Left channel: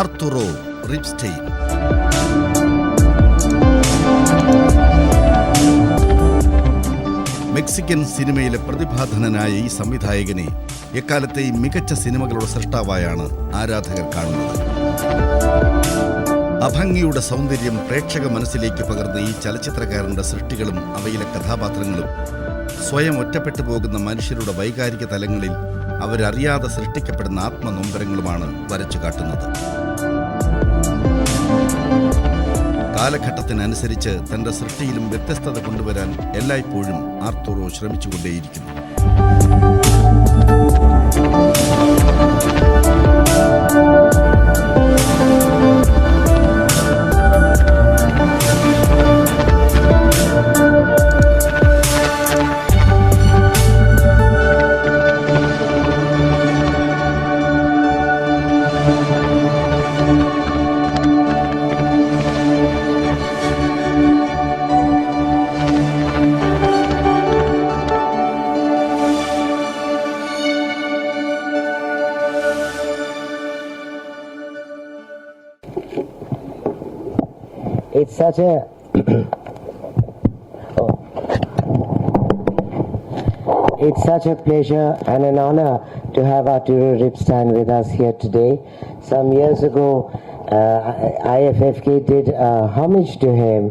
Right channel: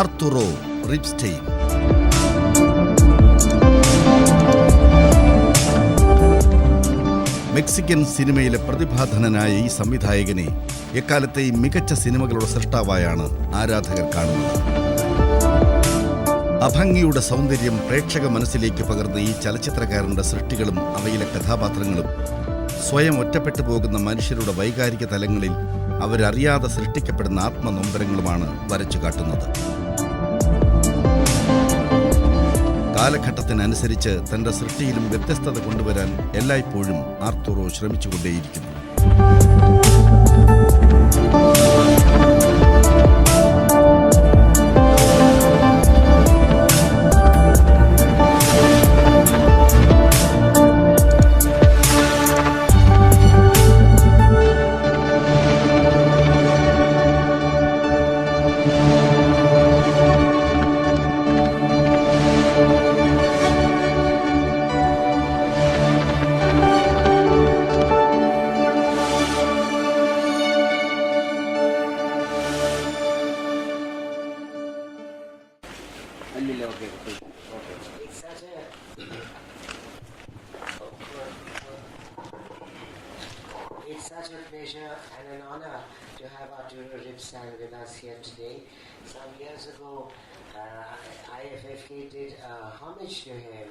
Arturo Ripstein. Mexican സിനിമയിലെ പ്രതിഭാധനനായ ഈ സംവിധായകനെ എക്കാലത്തെയും മികച്ച സിനിമകളുടെ സൃഷ്ടാവായാണ് ആരാധകർ കാണുന്നത്. അഭംഗിയുടെ സൗന്ദര്യം പ്രേക്ഷക മനസ്സിലേക്ക് പകർന്ന ഈ ചലച്ചിത്രകാരന്റെ സൃഷ്ടികളും അവയിലെ കഥാപാത്രങ്ങളും സ്വയം ഒറ്റപ്പെട്ടു പോകുന്ന മനുഷ്യരുടെ വൈകാരിക തലങ്ങളിൽ അവരറിയാതെ സൃഷ്ടിക്കപ്പെടുന്ന ആത്മനൊമ്പരങ്ങളുമാണ് വരച്ചു കാട്ടുന്നത്. കാലഘട്ടത്തിനനുസരിച്ച് തന്റെ സൃഷ്ടിയിലും വ്യത്യസ്തത കൊണ്ടുവരാൻ എല്ലായ്പ്പോഴും ആർത്തുറോ ശ്രമിച്ചുകൊണ്ടേയിരിക്കുന്നു. It's such a it's such a pleasure and an honor to have Arturo Ripstein with us here today. Some years ago, Iffk did a homage to him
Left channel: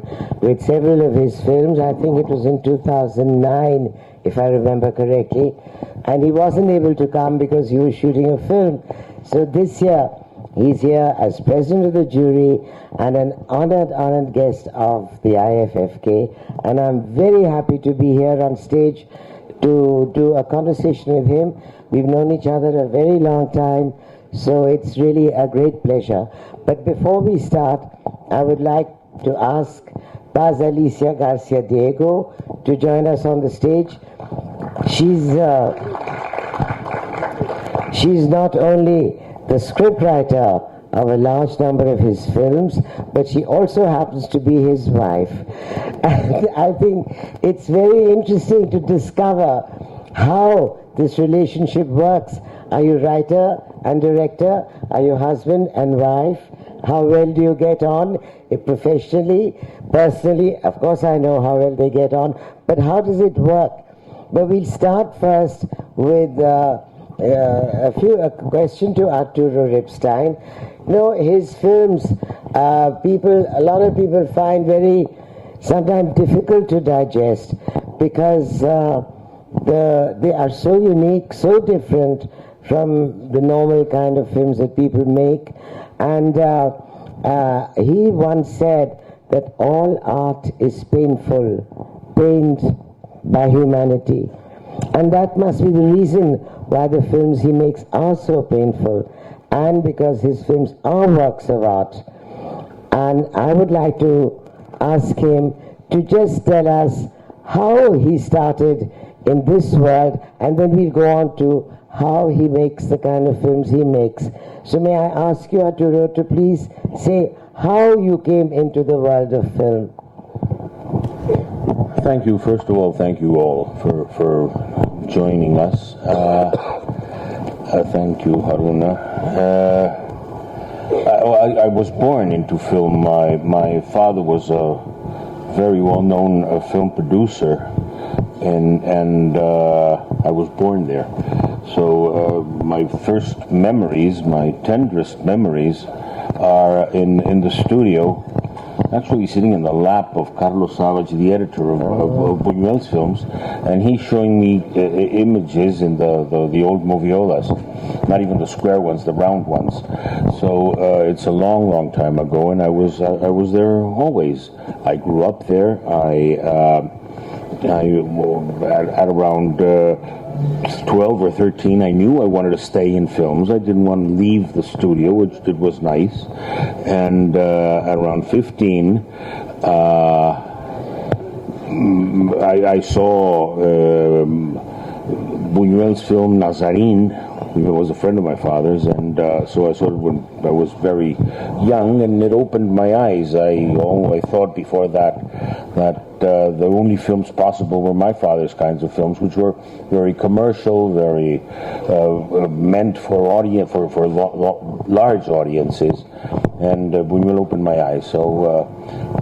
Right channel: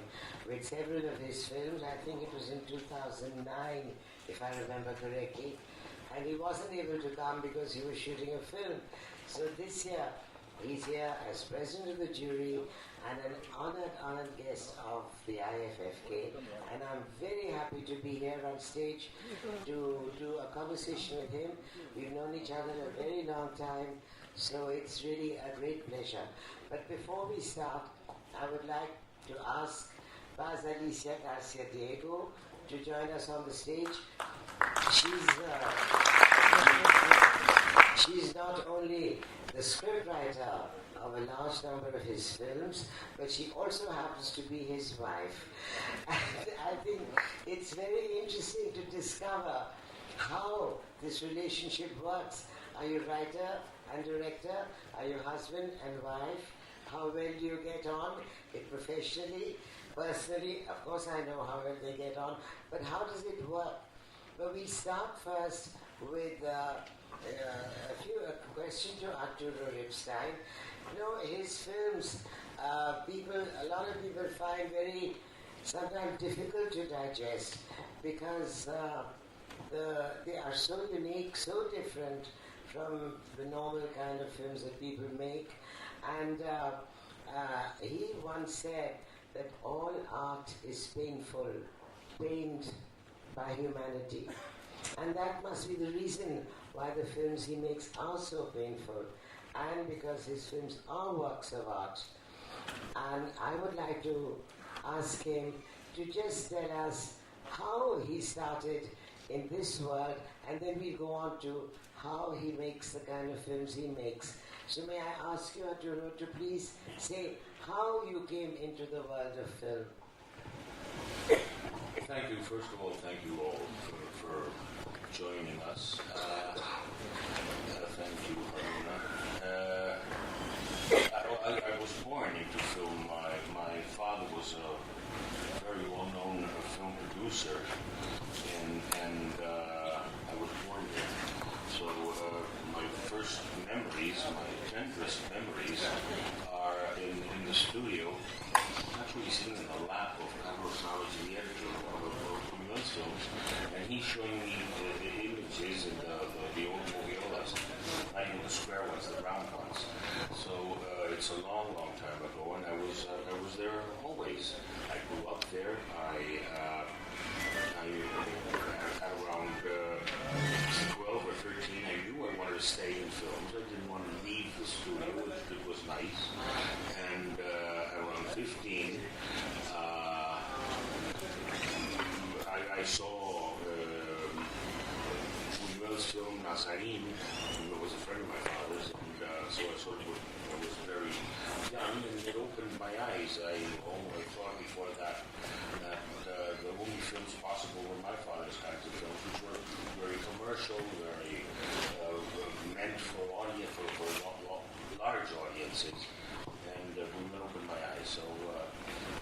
with several of his films. I think it was in 2009, if I remember correctly. And he wasn't able to come because he was shooting a film. So this year, he's here as president of the jury and an honored guest of the Iffk. And I'm very happy to be here on stage to do a conversation with him. We've known each other a very long time, so it's really a great pleasure. But before we start, I would like to ask Paz Alicia Garciadiego to join us on the stage. She's not only the scriptwriter of a large number of his films, but she also happens to be his wife. And I think it's very interesting to discover how this relationship works. Are you writer and director? Are you husband and wife? How well do you get on professionally, personally? Of course I know how well they get on, but how does it work? But we'll start first with a question to Arturo Ripstein. You know, his films, a lot of people find very, sometimes difficult to digest because they are so unique, so different from the normal kind of films that people make. And he once said that all art is painful, pained by humanity. And that must be the reason why the films he makes are so painful, and because his films are works of art. And I would like to ask him to just tell us how he started in this world, and then we'll go on to how he makes the kind of films he makes. So may I ask you, Arturo, to please say how you came into the world of film. Thank you. First of all, thank you all for joining us. Thank you, Aruna. I was born into film. My father was a very well-known film producer, and I was born there. So my first memories, my tenderest memories, are in the studio, actually sitting in the lap of Carlos Savage, the editor of Bunuel's films, and he's showing me images in the old moviolas, not even the square ones, the round ones. So it's a long time ago, and I was there always. I grew up there. At around 12 or 13, I knew I wanted to stay in films. I didn't want to leave the studio, which it was nice. And at around 15, I saw Buñuel's film Nazarín, was a friend of my father's, and so I sort of, when I was very young, and it opened my eyes. I thought before that the only films possible were my father's kinds of films, which were very commercial, very meant for large audiences, and Bunuel opened my eyes. So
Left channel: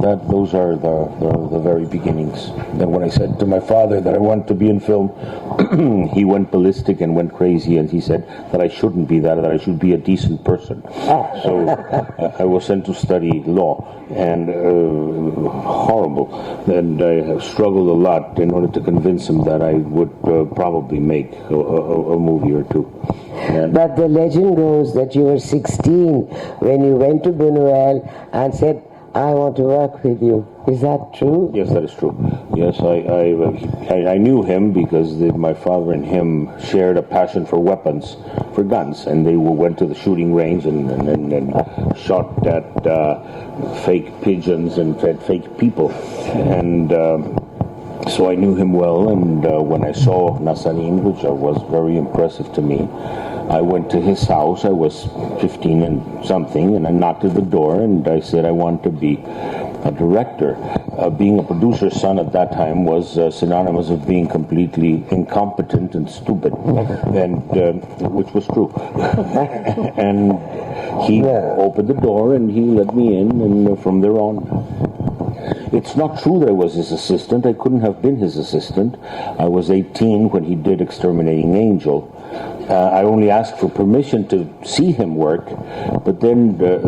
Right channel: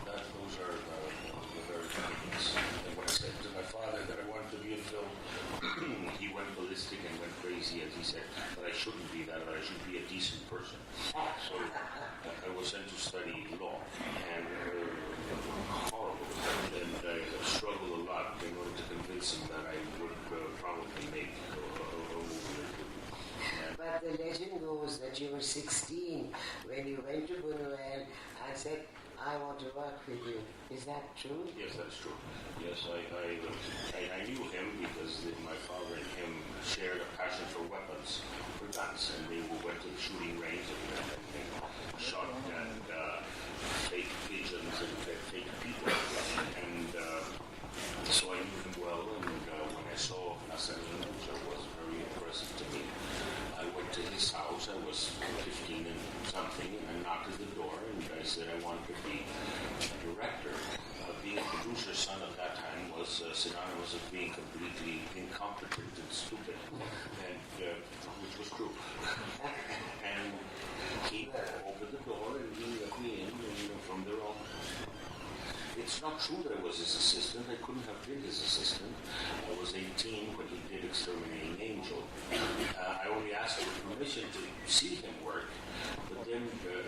those are the very beginnings. And when I said to my father that I wanted to be in film, he went ballistic and went crazy, and he said that I shouldn't be that I should be a decent person. So I was sent to study law, and horrible. And I have struggled a lot in order to convince him that I would probably make a movie or two. But the legend goes that you were 16 when you went to Bunuel and said, I want to work with you. Is that true? Yes, that is true. Yes, I knew him because my father and him shared a passion for weapons, for guns, and they went to the shooting range and shot at fake pigeons and fake people. And so I knew him well, and when I saw Nazanin, which was very impressive to me, I went to his house. I was 15 and something, and I knocked at the door, and I said I want to be a director. Being a producer's son at that time was synonymous of being completely incompetent and stupid, and which was true. And he opened the door, and he let me in, and from there on. It's not true that I was his assistant. I couldn't have been his assistant. I was 18 when he did Exterminating Angel. I only asked for permission to see him work, but then the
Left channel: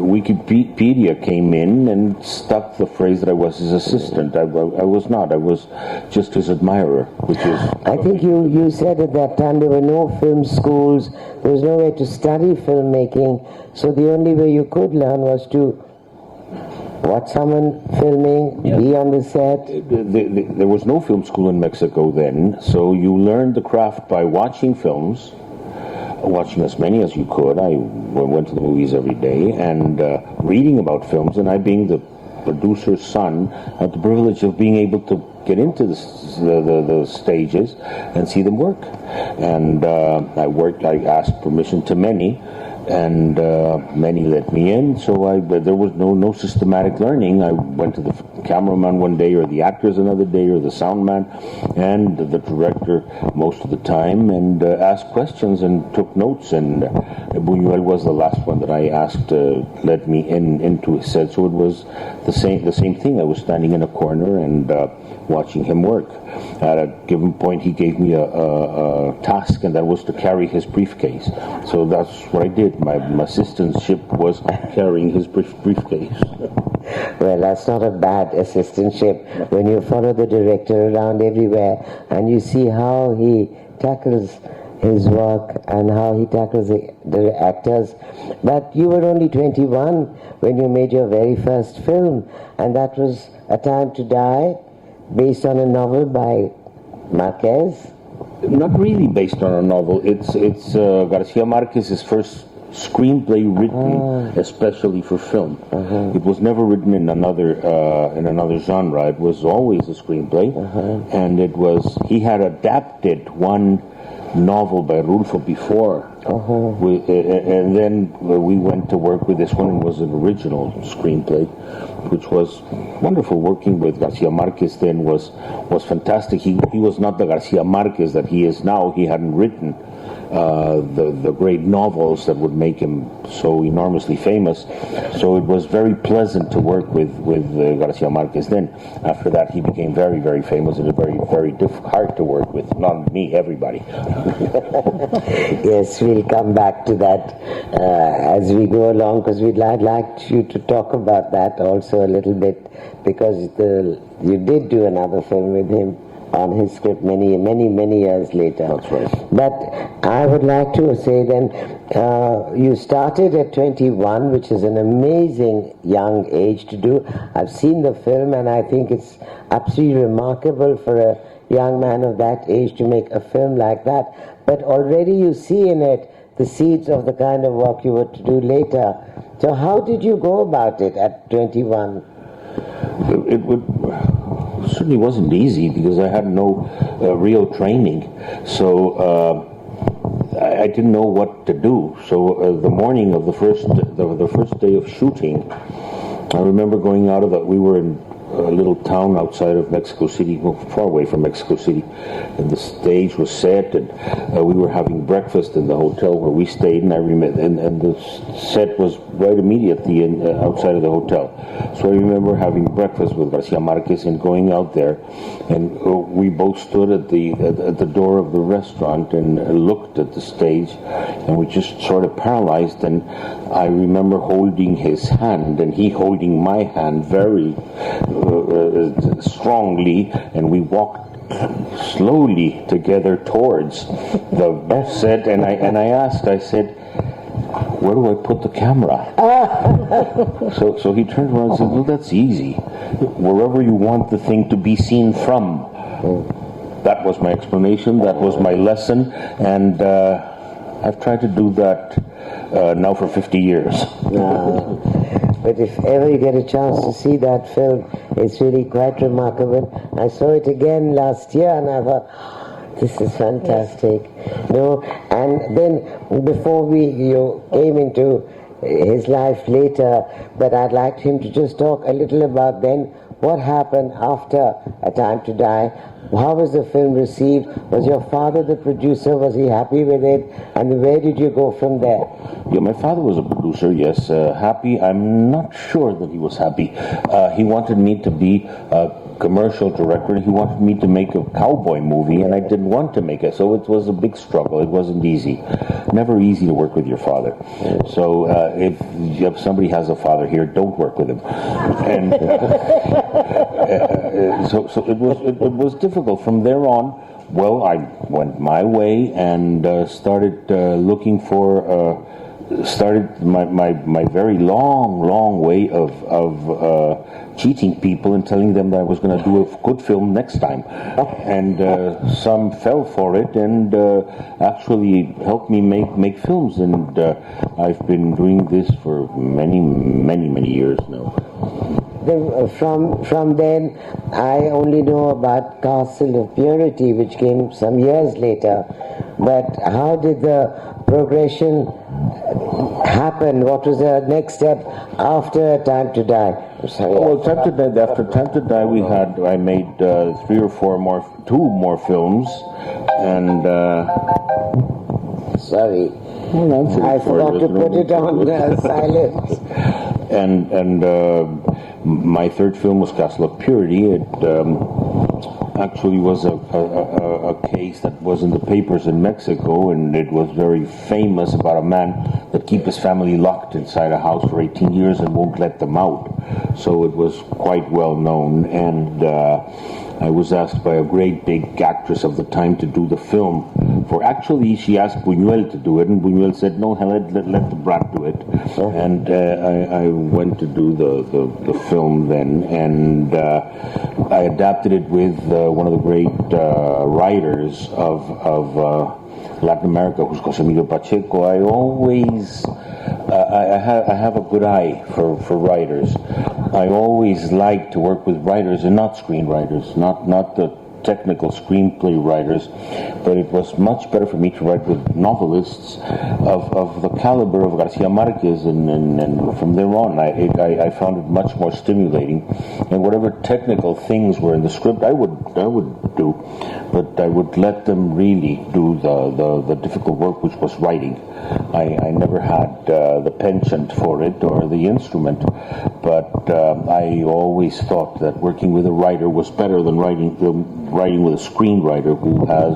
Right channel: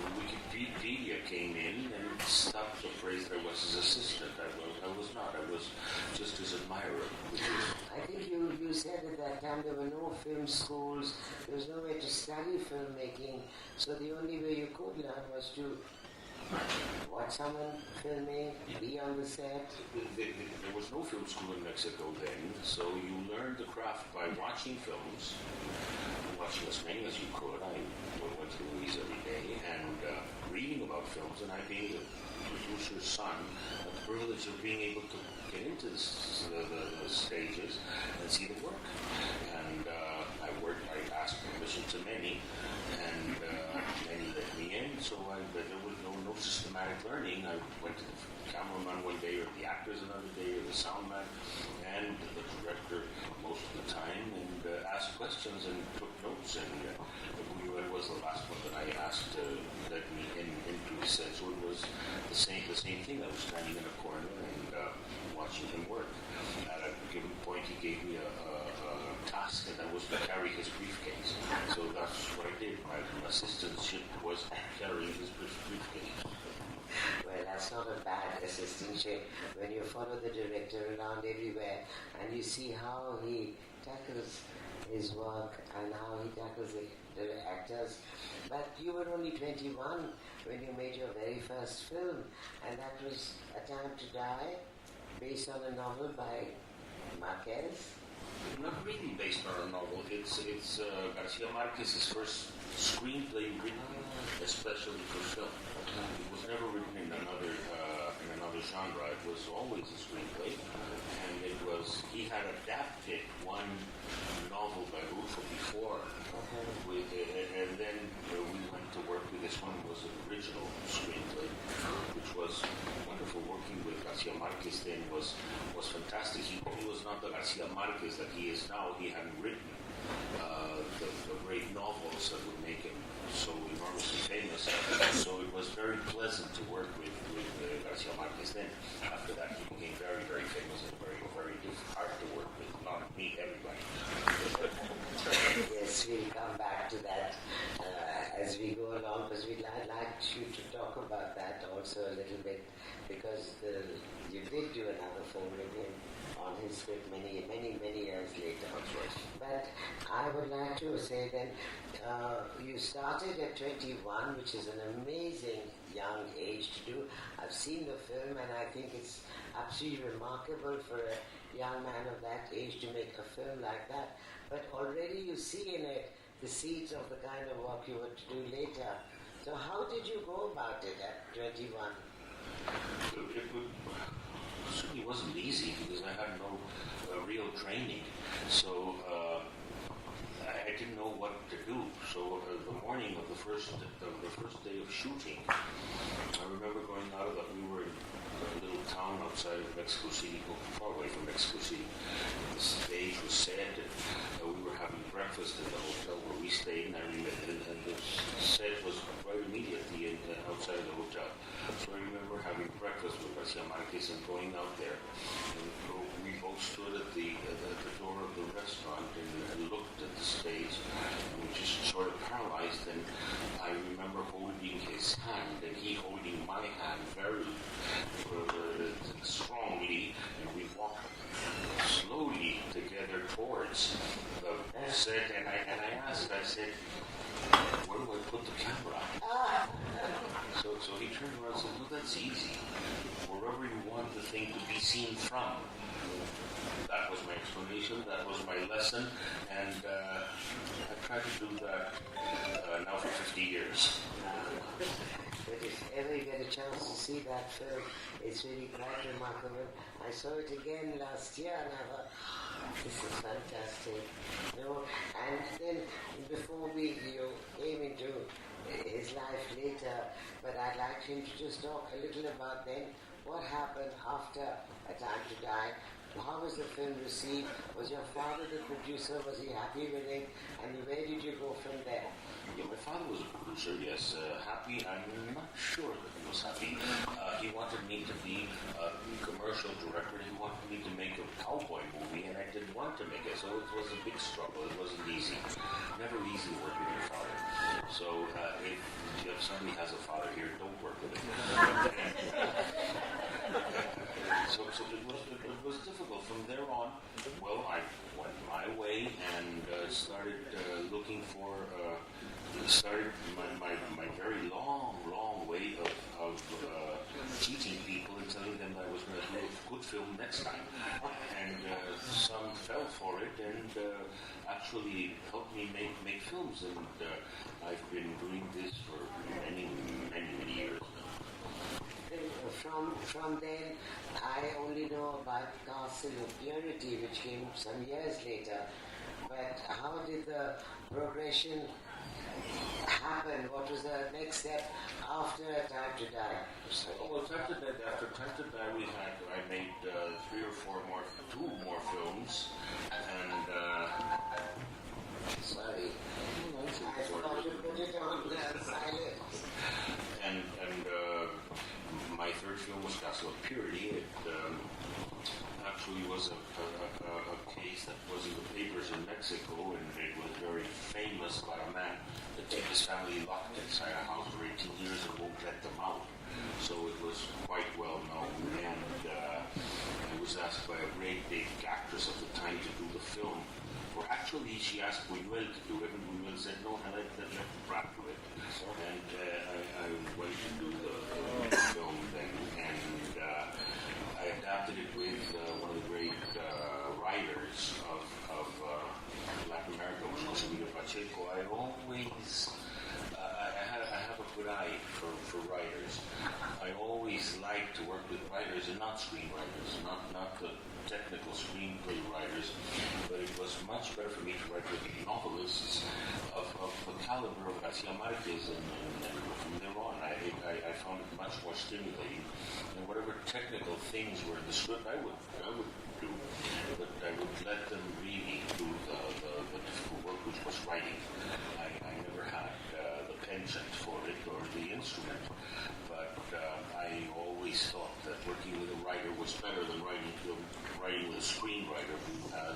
Wikipedia came in and stuck the phrase that I was his assistant. I was not. I was just his admirer, which is... I think you said at that time there were no film schools, there was no way to study filmmaking, so the only way you could learn was to watch someone filming, be on the set. There was no film school in Mexico then, so you learned the craft by watching films, watching as many as you could. I went to the movies every day, and reading about films, and I, being the producer's son, had the privilege of being able to get into the stages and see them work. And I asked permission to many, and many let me in, so there was no systematic learning. I went to the cameraman one day, or the actors another day, or the sound man, and the director most of the time, and asked questions and took notes. And Bunuel was the last one that I asked to let me into his set, so it was the same thing. I was standing in a corner and watching him work. At a given point, he gave me a task, and that was to carry his briefcase. So that's what I did. My assistantship was carrying his briefcase. Well, that's not a bad assistantship when you follow the director around everywhere and you see how he tackles his work and how he tackles the actors. But you were only 21 when you made your very first film, and that was A Time to Die, based on a novel by Marquez. Not really based on a novel. It's Garcia Marquez's first screenplay written especially for film. It was never written in another genre. It was always a screenplay, and he had adapted one novel by Rulfo before, and then we went to work with this one, and it was an original screenplay, which was wonderful. Working with Garcia Marquez then was fantastic. He was not the Garcia Marquez that he is now. He hadn't written the great novels that would make him so enormously famous. So it was very pleasant to work with Garcia Marquez then. After that, he became very, very famous, and very, very hard to work with. Not me, everybody. Yes, we'll come back to that as we go along, because I'd like you to talk about that also a little bit, because you did do another film with him on his script many years later. That's right. But I would like to say then, you started at 21, which is an amazing young age to do. I've seen the film, and I think it's absolutely remarkable for a young man of that age to make a film like that. But already you see in it the seeds of the kind of work you were to do later. So how did you go about it at 21? It certainly wasn't easy, because I had no real training. So I didn't know what to do. So the morning of the first day of shooting, I remember going out of it. We were in a little town outside of Mexico City, far away from Mexico City, and the stage was set, and we were having breakfast in the hotel where we stayed, and I remember, and the set was right immediately outside of the hotel. So I remember having breakfast with Garcia Marquez and going out there, and we both stood at the door of the restaurant and looked at the stage, and we just sort of paralyzed. And I remember holding his hand, and he holding my hand very strongly, and we walked slowly together towards the set. And I asked, I said, "Where do I put the camera?" So he turned around and said, "Well, that's easy. Wherever you want the thing to be seen from." That was my explanation. That was my lesson, and I've tried to do that now for 50 years. But if ever you get a chance to see that film, it's really quite remarkable. I saw it again last year, and I thought, this is fantastic. No, and then before you came into his life later, but I'd like him to just talk a little about then what happened after A Time to Die. How was the film received? Was your father the producer? Was he happy with it? And where did you go from there? Yeah, my father was a producer, yes. Happy? I'm not sure that he was happy. He wanted me to be a commercial director. He wanted me to make a cowboy movie, and I didn't want to make it. So it was a big struggle. It wasn't easy. Never easy to work with your father. So if somebody has a father here, don't work with him. And so it was difficult. From there on, well, I went my way and started looking for. Started my very long way of cheating people and telling them that I was going to do a good film next time. And some fell for it and actually helped me make films. And I've been doing this for many years now. Then, from then, I only know about Castle of Purity, which came some years later. But how did the progression happen? What was the next step after Time to Die? Well, after Time to Die, I made two more films, and sorry, I forgot to put it on silence. And my third film was Castle of Purity. It actually was a case that was in the papers in Mexico, and it was very famous about a man that keeps his family locked inside a house for 18 years and won't let them out. So it was quite well known, and I was asked by a great big actress of the time to do the film. Actually, she asked Bunuel to do it, and Bunuel said, "No, let the brat do it." And I went to do the film then, and I adapted it with one of the great writers of Latin America, who's Jose Emilio Pacheco. I always I have a good eye for writers. I always like to work with writers and not screenwriters, not the technical screenplay writers, but it was much better for me to write with novelists of the caliber of Garcia Marquez, and from there on I found it much more stimulating. And whatever technical things were in the script, I would do, but I would let them really do the difficult work, which was writing. I never had the penchant for it or the instrument, but I always thought that working with a writer was better than writing with a screenwriter who has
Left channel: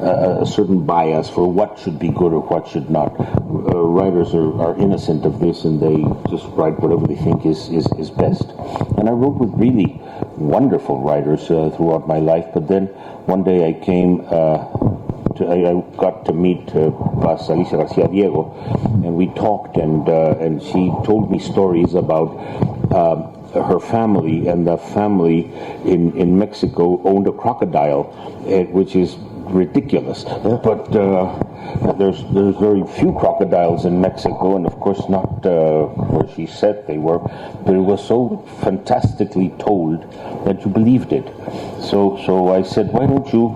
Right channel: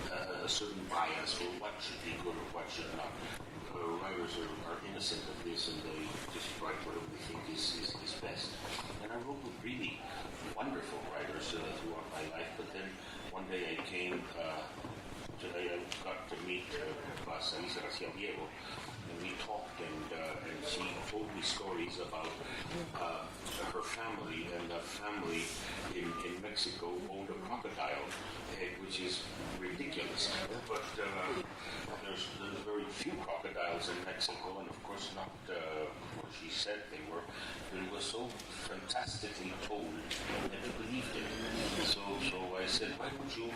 a certain bias for what should be good or what should not. Writers are innocent of this, and they just write whatever they think is best. And I wrote with really wonderful writers throughout my life, but then one day I came I got to meet Paz Alicia Garciadiego, and we talked, and she told me stories about her family, and the family in Mexico owned a crocodile, which is ridiculous. But there's very few crocodiles in Mexico, and of course not where she said they were, but it was so fantastically told that you believed it. So I said, why don't you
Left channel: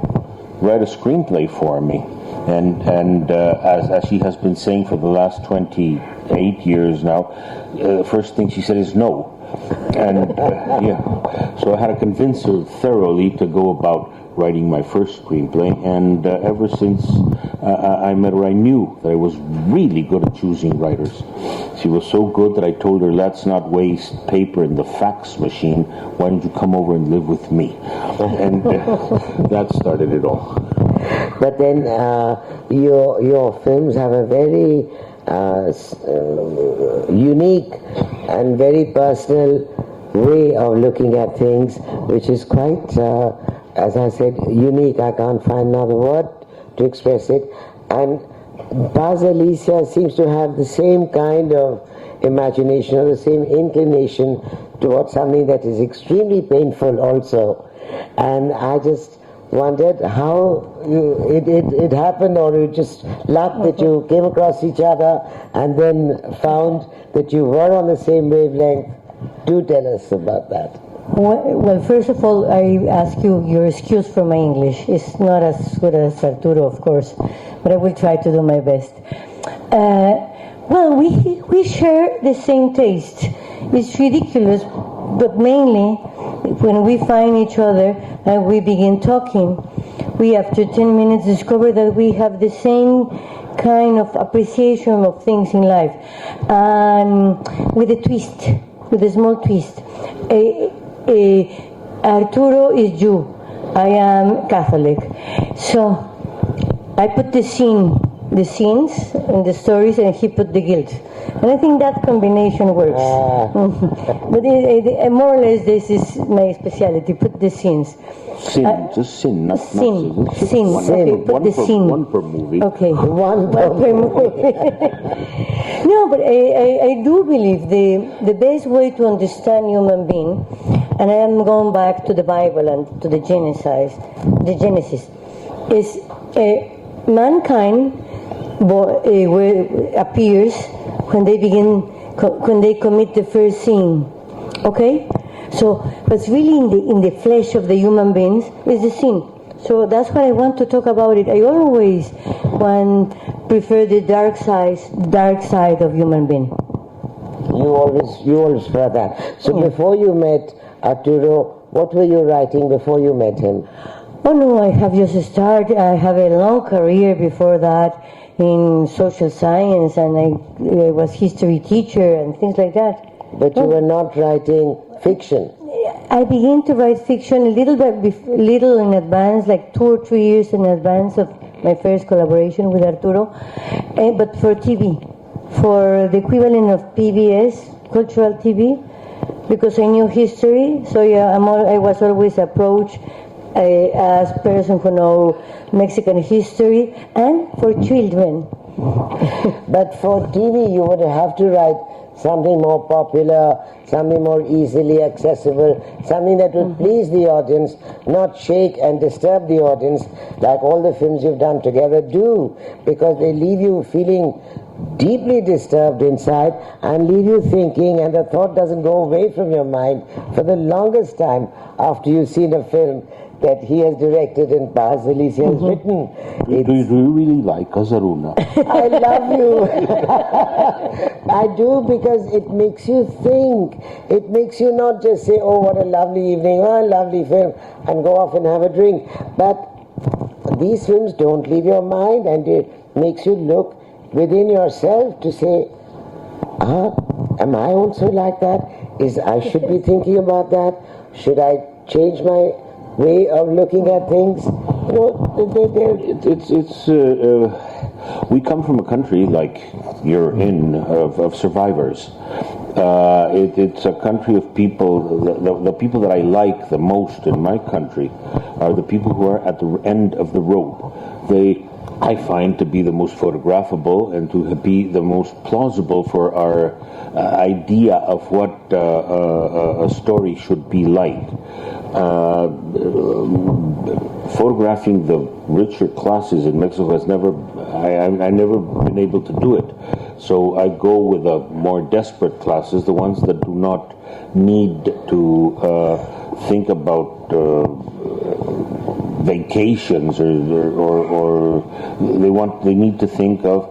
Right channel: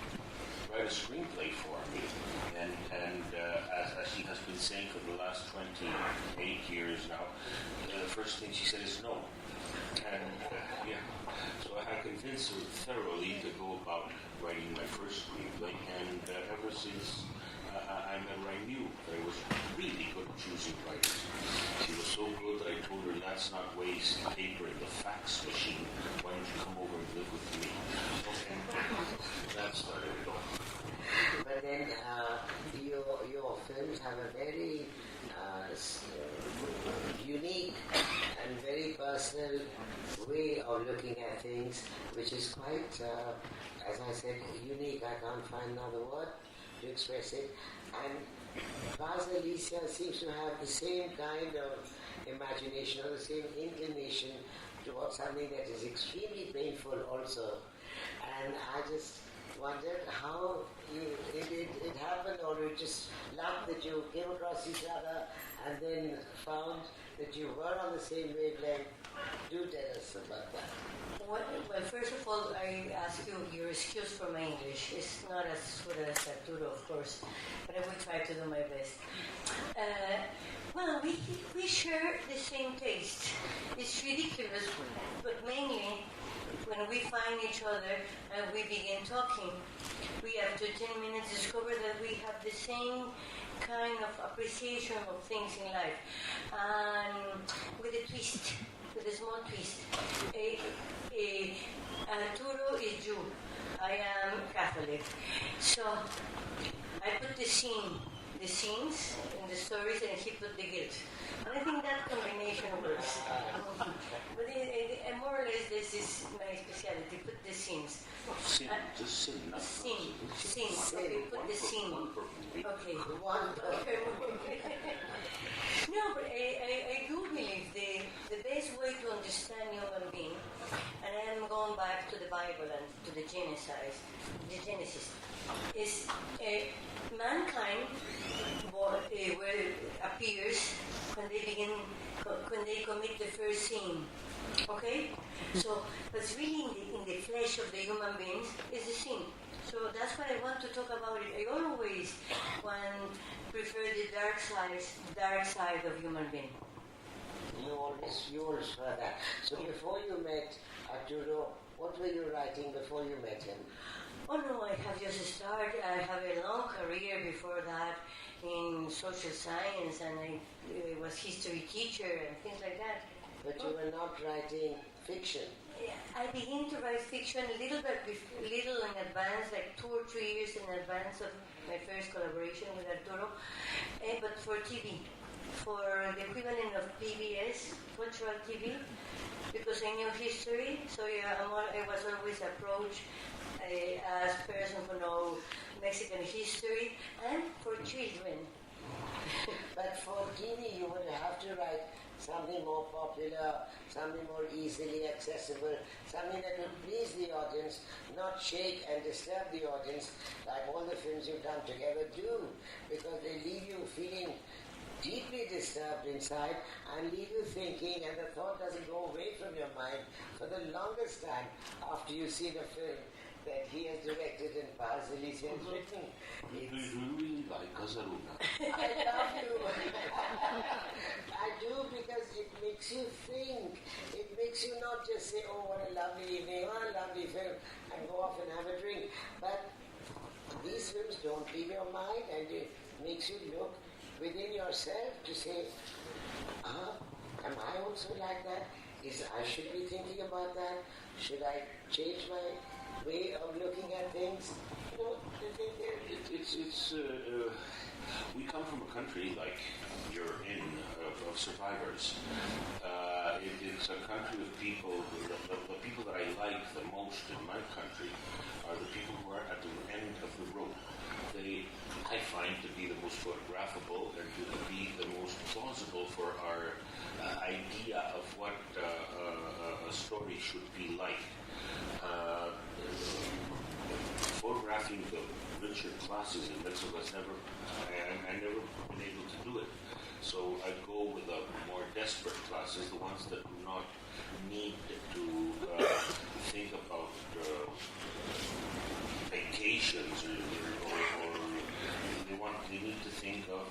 write a screenplay for me? And as she has been saying for the last 28 years now, the first thing she said is no. And so I had to convince her thoroughly to go about writing my first screenplay, and ever since I met her, I knew that I was really good at choosing writers. She was so good that I told her, let's not waste paper in the fax machine, why don't you come over and live with me? And that started it all. But then your films have a very unique and very personal way of looking at things, which is quite, as I said, unique. I can't find another word to express it. And Paz Alicia seems to have the same kind of imagination or the same inclination towards something that is extremely painful also. And I just wondered how it happened, or you just luck that you came across each other and then found that you were on the same wavelength. Do tell us about that. Well, first of all, I ask you your excuse for my English. It's not as good as Arturo, of course, but I will try to do my best. Well, we share the same taste. It's ridiculous, but mainly when we find each other and we begin talking, we after 10 minutes discover that we have the same kind of appreciation of things in life, and with a twist, with a small twist. Arturo is Jew, I am Catholic, so I put the scenes in the stories, and he put the guilt. And I think that combination works. But more or less, this is my specialty, put the scenes. Sin, just sin, not sin. Sin. Sin. Okay, put the sin. One per movie. Okay, one per movie. No, but I do believe the best way to understand human being, and I am going back to the Bible and to the Genesis, is mankind appears when they commit the first sin. Okay, so what's really in the flesh of the human beings is the sin. So that's what I want to talk about it. I always prefer the dark side of human being. You always prefer that. So before you met Arturo, what were you writing before you met him? Oh no, I have just started. I have a long career before that in social science, and I was history teacher and things like that. But you were not writing fiction. I began to write fiction a little in advance, like 2 or 3 years in advance of my first collaboration with Arturo, but for TV, for the equivalent of PBS, cultural TV, because I knew history. So yeah, I was always approached as a person who know Mexican history, and for children. But for TV, you would have to write something more popular, something more easily accessible, something that would please the audience, not shake and disturb the audience like all the films you've done together do, because they leave you feeling deeply disturbed inside and leave you thinking, and the thought doesn't go away from your mind for the longest time after you've seen a film that he has directed and Paz Alicia has written. Do you really like us, Aruna? I love you. I do, because it makes you think. It makes you not just say, oh, what a lovely evening, oh, a lovely film, and go off and have a drink. But these films don't leave your mind, and it makes you look within yourself to say, am I also like that? I should be thinking about that? Should I change my way of looking at things? We come from a country like you're in, of survivors. It's a country of people. The people that I like the most in my country are the people who are at the end of the road. I find to be the most photographable and to be the most plausible for our idea of what a story should be like. Photographing the richer classes in Mexico has never been able to do it. So I go with the more desperate classes, the ones that do not need to think about vacations, or they need to think of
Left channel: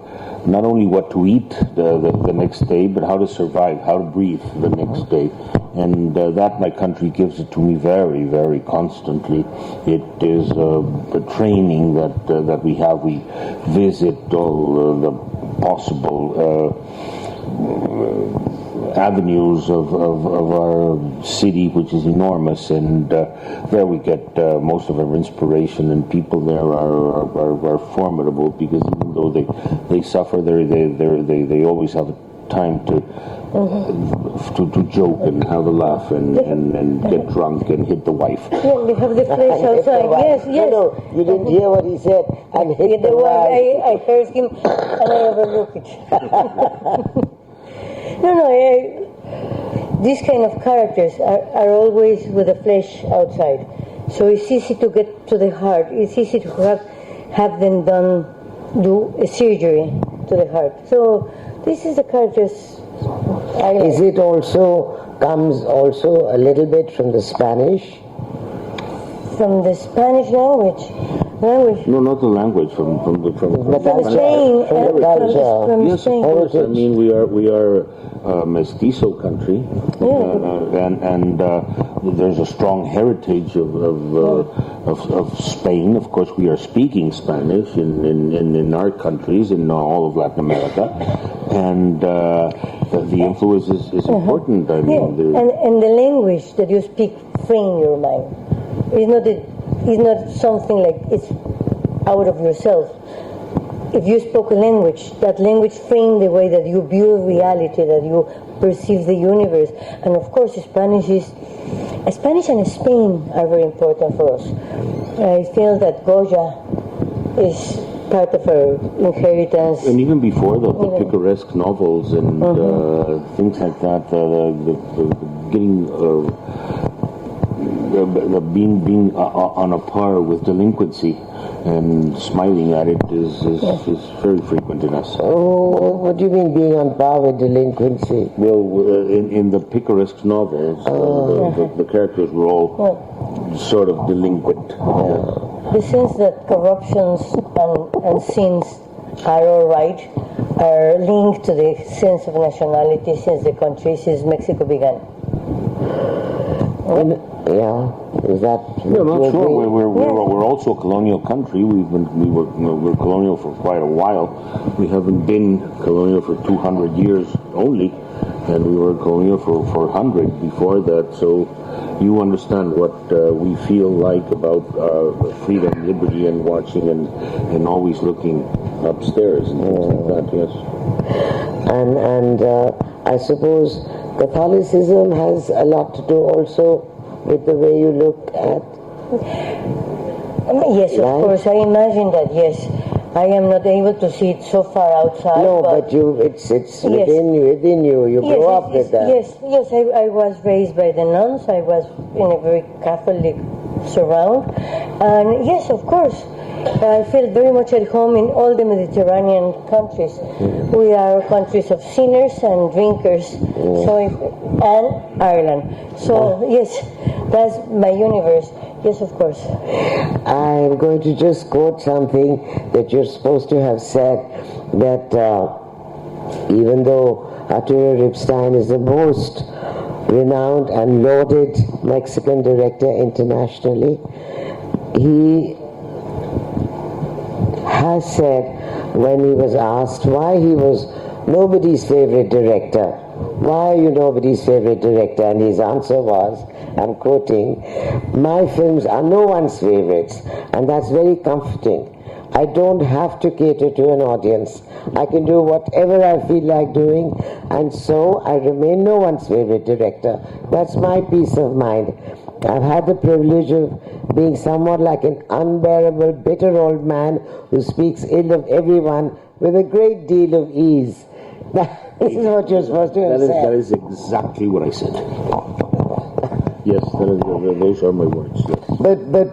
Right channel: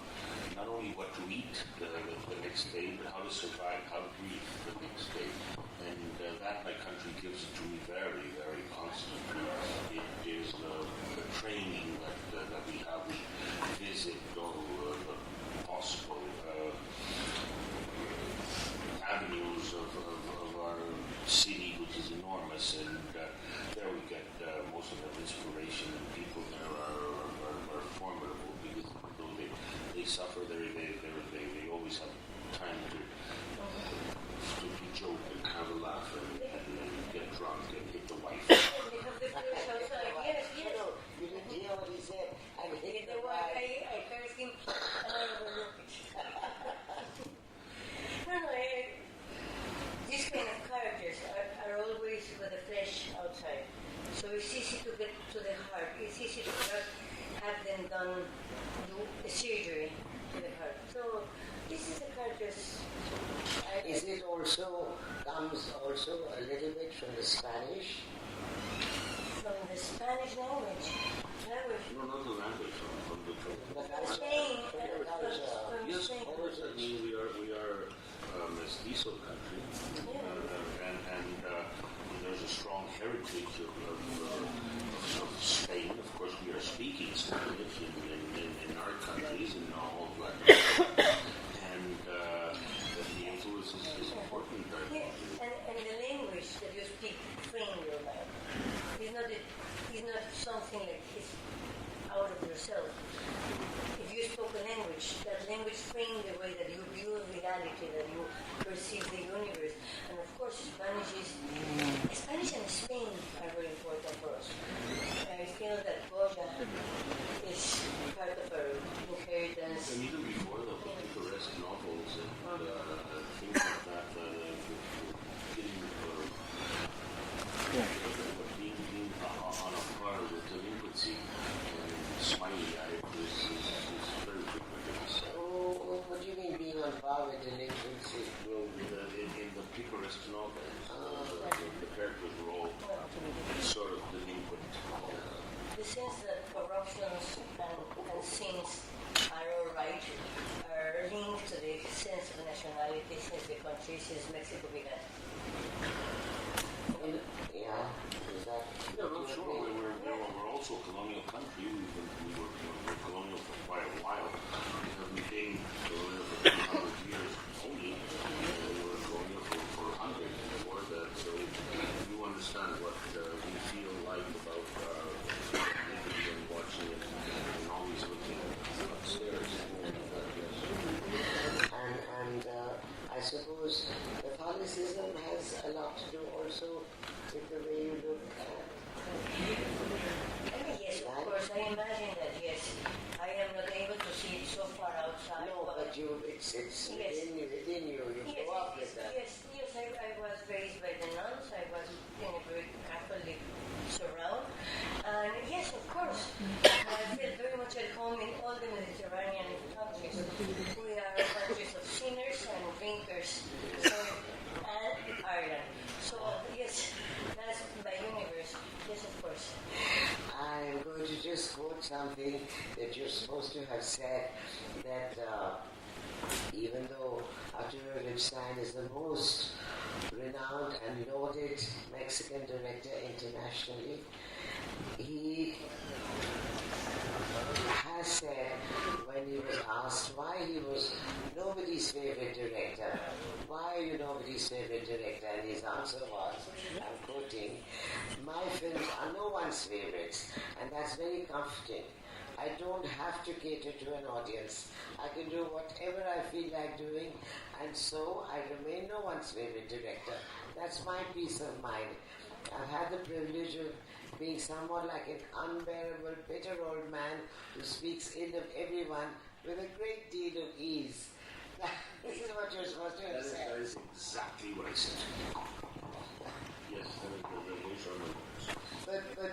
not only what to eat the next day, but how to survive, how to breathe the next day. And that my country gives it to me very, very constantly. It is the training that we have. We visit all the possible avenues of our city, which is enormous, and there we get most of our inspiration, and people there are formidable, because even though they suffer, they always have time to joke and have a laugh and get drunk and hit the wife. Yeah, we have the place outside. Yes, yes. No, you didn't hear what he said. And hit the wife. I heard him and I overlooked it. No, these kind of characters are always with the flesh outside. So it's easy to get to the heart. It's easy to have them do a surgery to the heart. So this is the characters I like. Is it comes also a little bit from the Spanish? From the Spanish language? No, not the language. From the Spain. From yes, Spain. of course. I mean, we are a mestizo country, and there's a strong heritage of Spain. Of course, we are speaking Spanish in our countries, in all of Latin America, and the influence is important. I mean, and the language that you speak frame your mind. It's not something like it's out of yourself. If you spoke a language, that language framed the way that you view reality, that you perceive the universe. And of course, Spanish and Spain are very important for us. I feel that Goya is part of our inheritance. And even before the picaresque novels and things like that, being on a par with delinquency and smiling at it is very frequent in us. Oh, what do you mean being on par with delinquency? Well, in the picaresque novels, the characters were all sort of delinquent. The sense that corruptions and sins are all right are linked to the sense of nationality since Mexico began. Is that? Yeah, not sure. We're also a colonial country. We're colonial for quite a while. We haven't been colonial for 200 years only, and we were colonial for 100 before that. So you understand what we feel like about freedom, liberty, and watching and always looking upstairs and things like that. Yes. And I suppose Catholicism has a lot to do also with the way you look at. Yes, of course. I imagine that. Yes, I am not able to see it so far outside. No, but it's within you. You grow up with that. Yes. I was raised by the nuns. I was in a very Catholic surround, and yes, of course. I feel very much at home in all the Mediterranean countries. We are countries of sinners and drinkers, and Ireland. So yes, that's my universe. Yes, of course. I'm going to just quote something that you're supposed to have said, that even though Arturo Ripstein is the most renowned and lauded Mexican director internationally, he has said, when he was asked why he was nobody's favorite director, why are you nobody's favorite director? And his answer was, I'm quoting, my films are no one's favorites, and that's very comforting. I don't have to cater to an audience. I can do whatever I feel like doing, and so I remain no one's favorite director. That's my peace of mind. I've had the privilege of being somewhat like an unbearable, bitter old man who speaks ill of everyone with a great deal of ease. This is what you're supposed to have said. That is exactly what I said. Yes, those are my words. Yes. But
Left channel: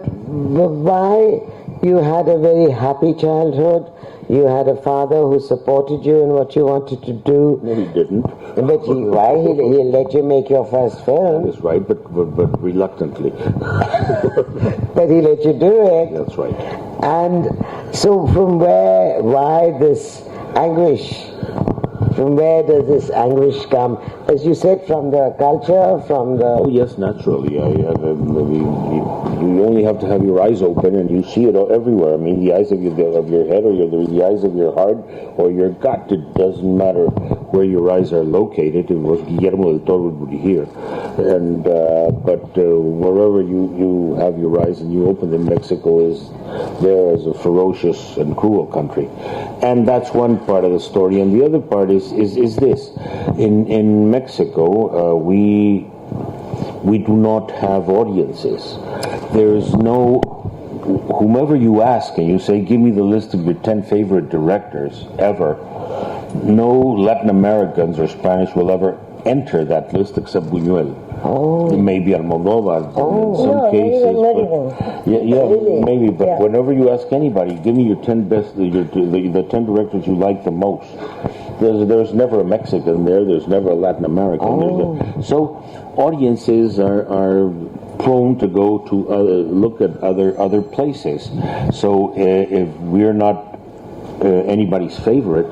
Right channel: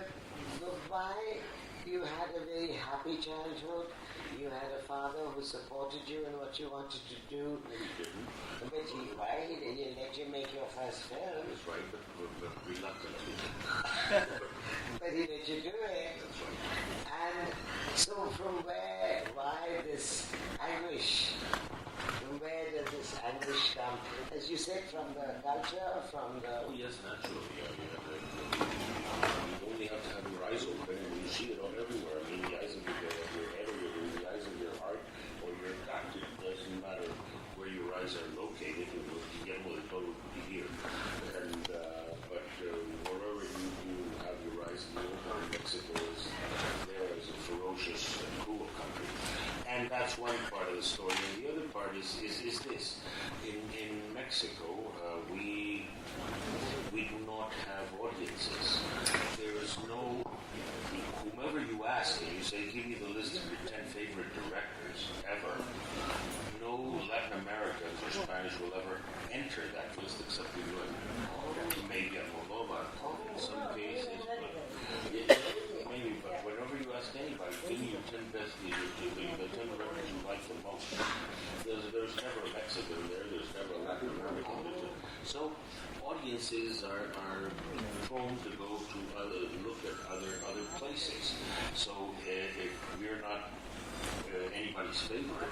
why? You had a very happy childhood. You had a father who supported you in what you wanted to do. No, he didn't. But why he let you make your first film? That's right, but reluctantly. But he let you do it. That's right. And so why this anguish? From where does this anguish come? As you said, from the culture, from the... Oh yes, naturally. You only have to have your eyes open and you see it everywhere. I mean, the eyes of your head or the eyes of your heart or your gut. It doesn't matter where your eyes are located. It was Guillermo del Toro would be here. And, but wherever you have your eyes and you open them, Mexico is there as a ferocious and cruel country. And that's one part of the story. And the other part is this. In Mexico, we do not have audiences. There's no, whomever you ask and you say, give me the list of your 10 favorite directors ever, no Latin Americans or Spanish will ever enter that list except Buñuel. Oh. It may be Almodóvar in some No, cases. not But, even. yeah, maybe. But Yeah. whenever you ask anybody, give me your 10 best, the 10 directors you like the most. There's never a Mexican there. There's never a Latin American. So audiences are prone to go to look at other places. So if we're not anybody's favorite,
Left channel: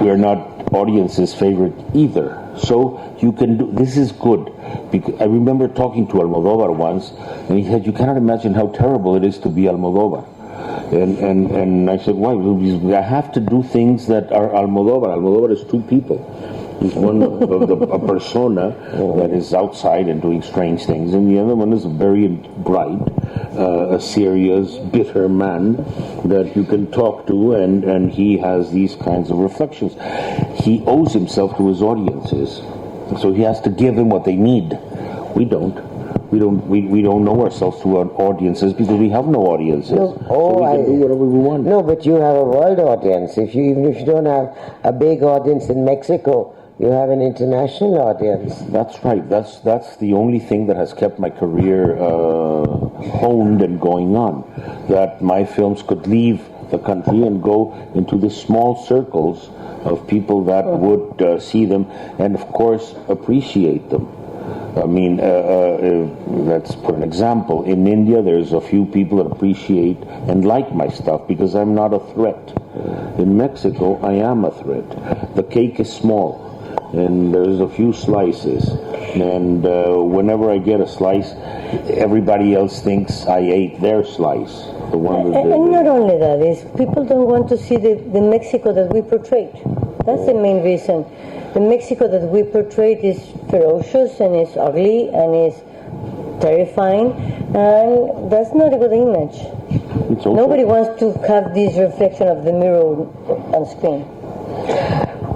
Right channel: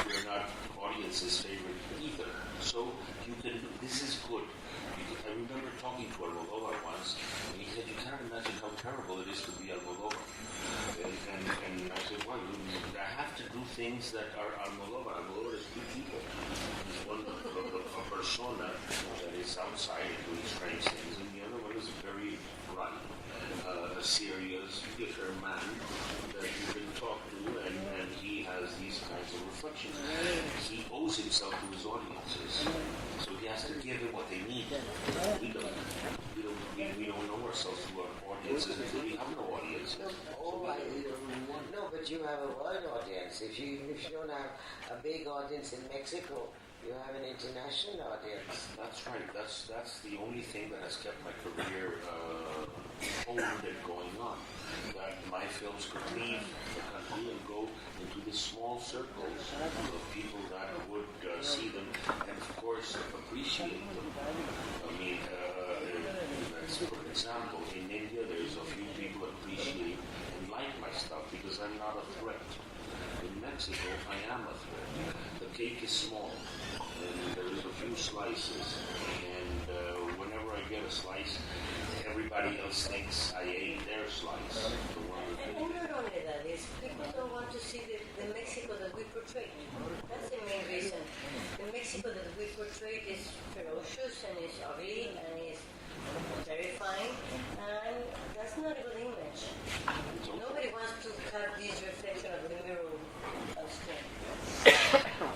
we're not audience's favorite either. So you can do, this is good. Because I remember talking to Almodóvar once, and he said, you cannot imagine how terrible it is to be Almodóvar. And I said, why? I have to do things that are Almodóvar. Almodóvar is two people. He's one a persona that is outside and doing strange things, and the other one is a very bright, a serious, bitter man that you can talk to, and he has these kinds of reflections. He owes himself to his audiences, so he has to give them what they need. We don't. We don't know ourselves through our audiences because we have no audiences. No. So we can do whatever we want. No, but you have a world audience. Even if you don't have a big audience in Mexico, you have an international audience. That's right. That's the only thing that has kept my career honed and going on. That my films could leave the country and go into the small circles of people that would see them and, of course, appreciate them. I mean, let's put an example. In India, there's a few people that appreciate and like my stuff because I'm not a threat. In Mexico, I am a threat. The cake is small, and there's a few slices. And whenever I get a slice, everybody else thinks I ate their slice. The one that And not only that, is people don't want to see the Mexico that we portrayed. That's the main reason. The Mexico that we portrayed is ferocious and is ugly and is terrifying, and that's not a good image. Nobody wants to have this reflection of the mirror on screen.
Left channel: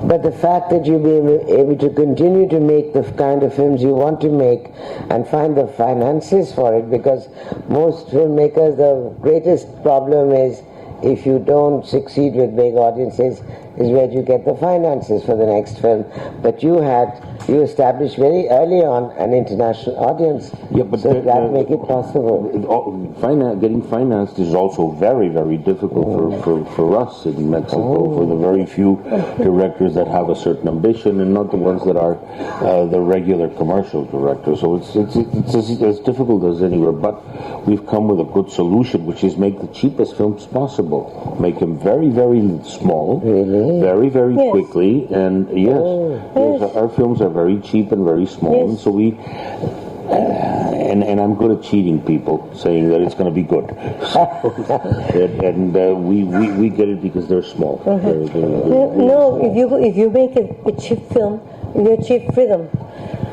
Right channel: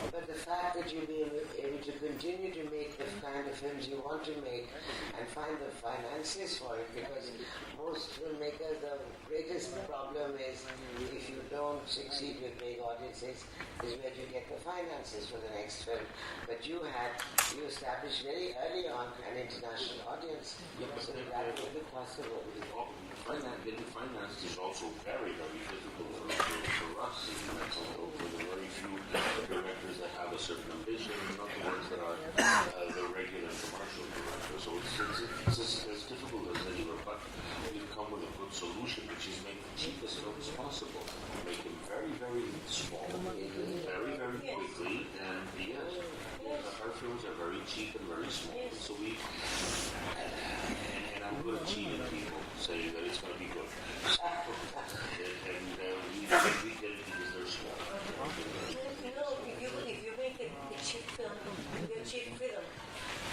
But the fact that you'll be able to continue to make the kind of films you want to make and find the finances for it, because most filmmakers, the greatest problem is if you don't succeed with big audiences, is where you get the finances for the next film. But you established very early on an international audience, yeah, but so that make it possible. Getting financed is also very, very difficult for us in Mexico, for the very few directors that have a certain ambition and not the ones that are the regular commercial directors. So it's as difficult as anywhere, but we've come with a good solution, which is make the cheapest films possible. Make them very, very small, very, very quickly, and our films are very cheap and very small, and so we and I'm good at cheating people, saying that it's going to be good. and we get it because they're small. No, if you make a cheap film, you achieve freedom,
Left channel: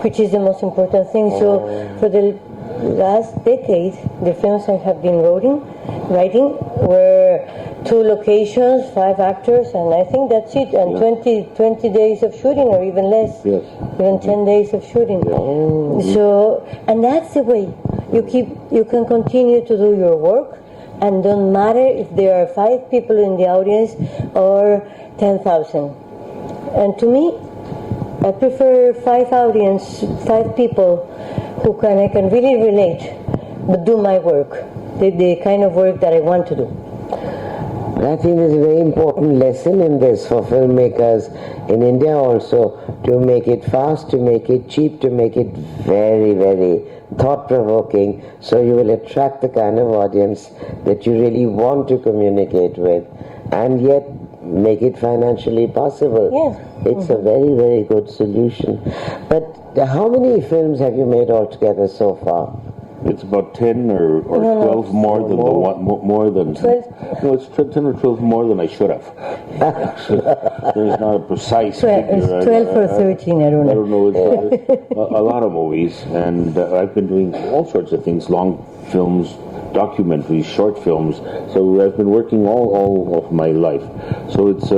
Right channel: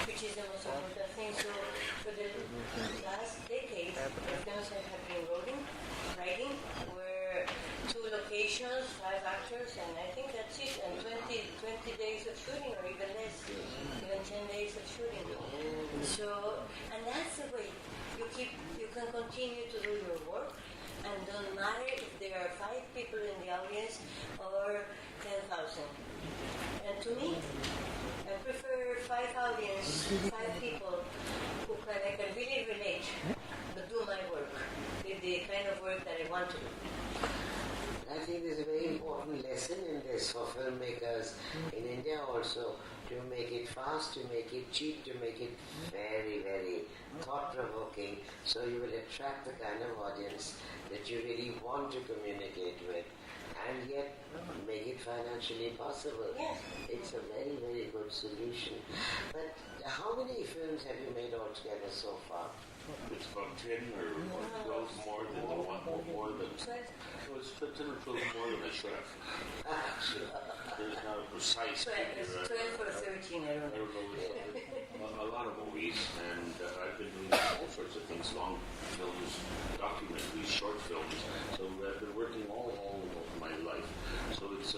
which is the most important thing. So for the last decade, the films I have been writing were 2 locations, 5 actors, and I think that's it. And 20 days of shooting, or even less, even 10 days of shooting. So, and that's the way you can continue to do your work, and don't matter if there are 5 people in the audience or 10,000. And to me, I prefer 5 people who I can really relate, but do my work, the kind of work that I want to do. And I think there's a very important lesson in this for filmmakers in India also, to make it fast, to make it cheap, to make it very, very thought-provoking, so you will attract the kind of audience that you really want to communicate with, and yet make it financially possible. Yes. It's a very, very good solution. But how many films have you made altogether so far? It's about 10 or 12 more than the one, more than 12. No, it's 10 or 12 more than I should have. There's not a precise figure. It's 12 or 13, I don't know. I don't know. It's a lot of movies, and I've been doing all sorts of things: long films, documentaries, short films. So I've been working all of my life. So it's.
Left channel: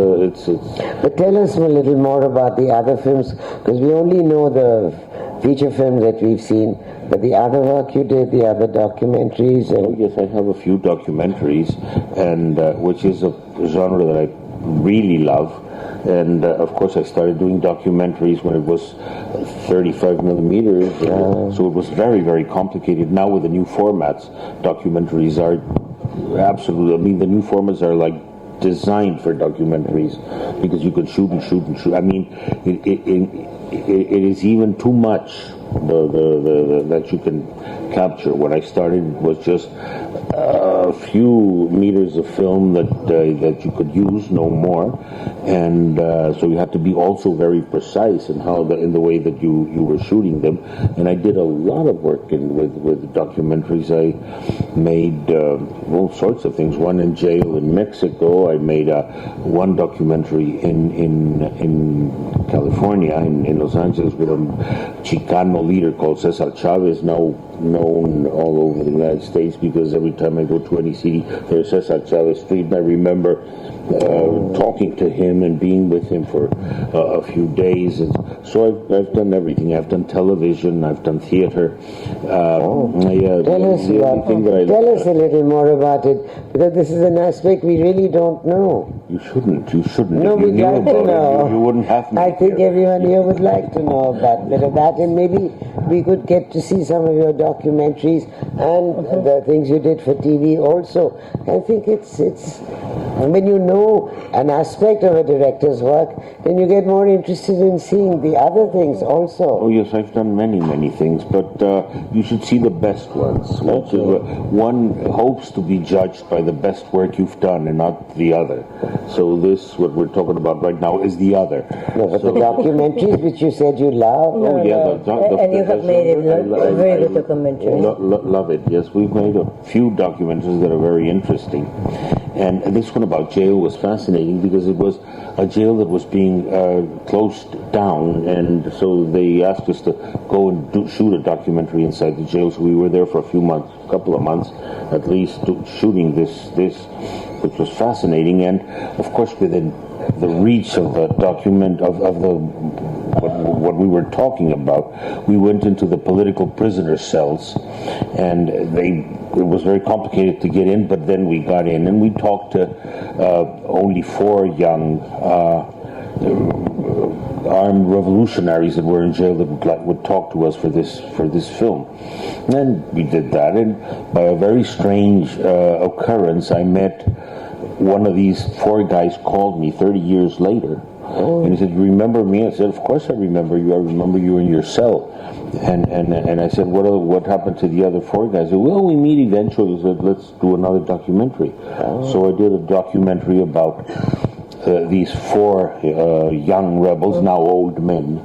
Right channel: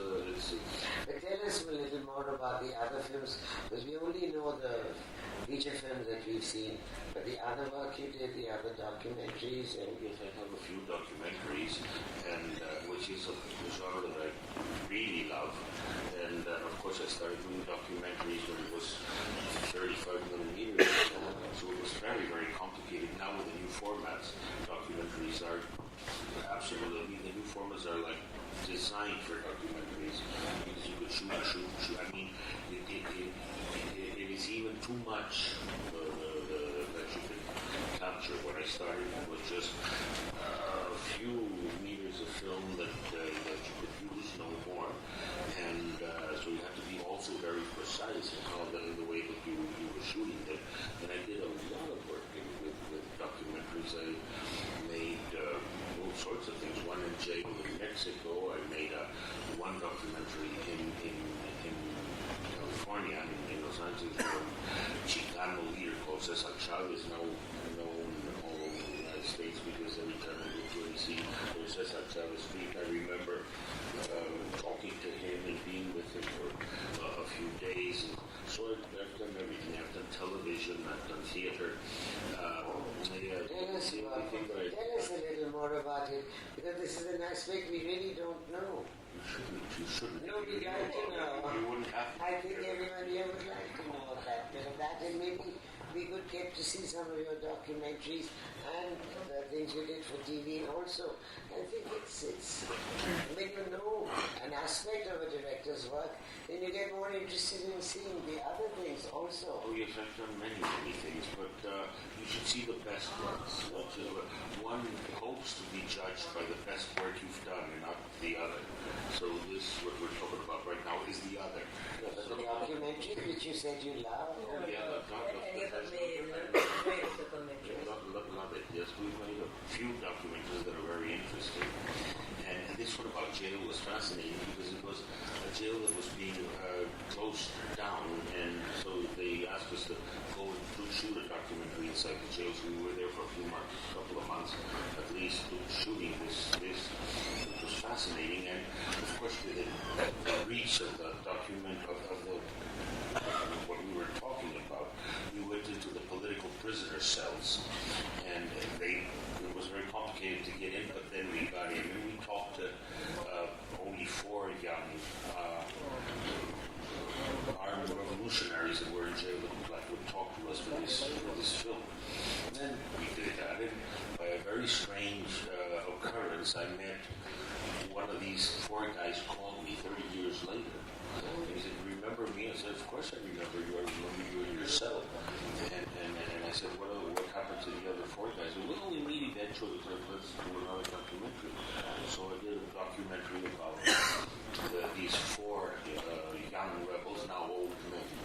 But tell us a little more about the other films, because we only know the feature films that we've seen. But the other work you did, the other documentaries, and Yes, I have a few documentaries, and which is a genre that I really love. And of course, I started doing documentaries when it was 35 millimeters, so it was very, very complicated. Now with the new formats, documentaries are absolutely. I mean, the new formats are like designed for documentaries, because you can shoot and shoot and shoot. I mean, it is even too much that you can capture. When I started, it was just a few meters of film that you could use, no more, and so you have to be also very precise in in the way that you were shooting them. And I did a lot of work with documentaries. I made all sorts of things. One in jail in Mexico. I made one documentary in California, in Los Angeles, with a Chicano leader called Cesar Chavez, now known all over the United States, because every time I go to any city, there's Cesar Chavez Street, and I remember talking to him and being with him for a few days. And so I've done everything. I've done television, I've done theater. tell us a little more about it, because this is an aspect we really don't know. You shouldn't. No, If you we'd knew like to about know. it, you wouldn't have me. I think everyone here would like to know about bit of that, and maybe we could get to see some of your documentaries and the things you did for TV also. I think it's and when you know an aspect of a director's work, then you get more interested in seeing the other things also. Oh yes, I've done many things, but you should see the best ones. One hopes to be judged by the best work you've done and not the other. So this, what we're talking about right now, is the other. No, but the documentaries which you said you love. Oh yeah, And you have made a very good documentary. Love it. Yes, we've made a few documentaries that are very interesting, and this one about jail was fascinating because it was a jail that was being closed down, and so they asked us to go and shoot a documentary inside the jail. So we were there for a couple of months at least, shooting this, which was fascinating. And of course, within the reach of the document of what we were talking about, we went into the political prisoner cells, and it was very complicated to get in, but then we got in, and we talked to only 4 young armed revolutionaries that were in jail that would talk to us for this film. And then we did that, and by a very strange occurrence, I met one of these 4 guys. Called me 30 years later, and he said, "Remember me?" I said, "Of course I remember you. I remember you in your cell." And I said, "What happened to the other 4 guys?" He said, "Well, we meet eventually." I said, "Let's do another documentary." So I did a documentary about these 4 young rebels, now old men,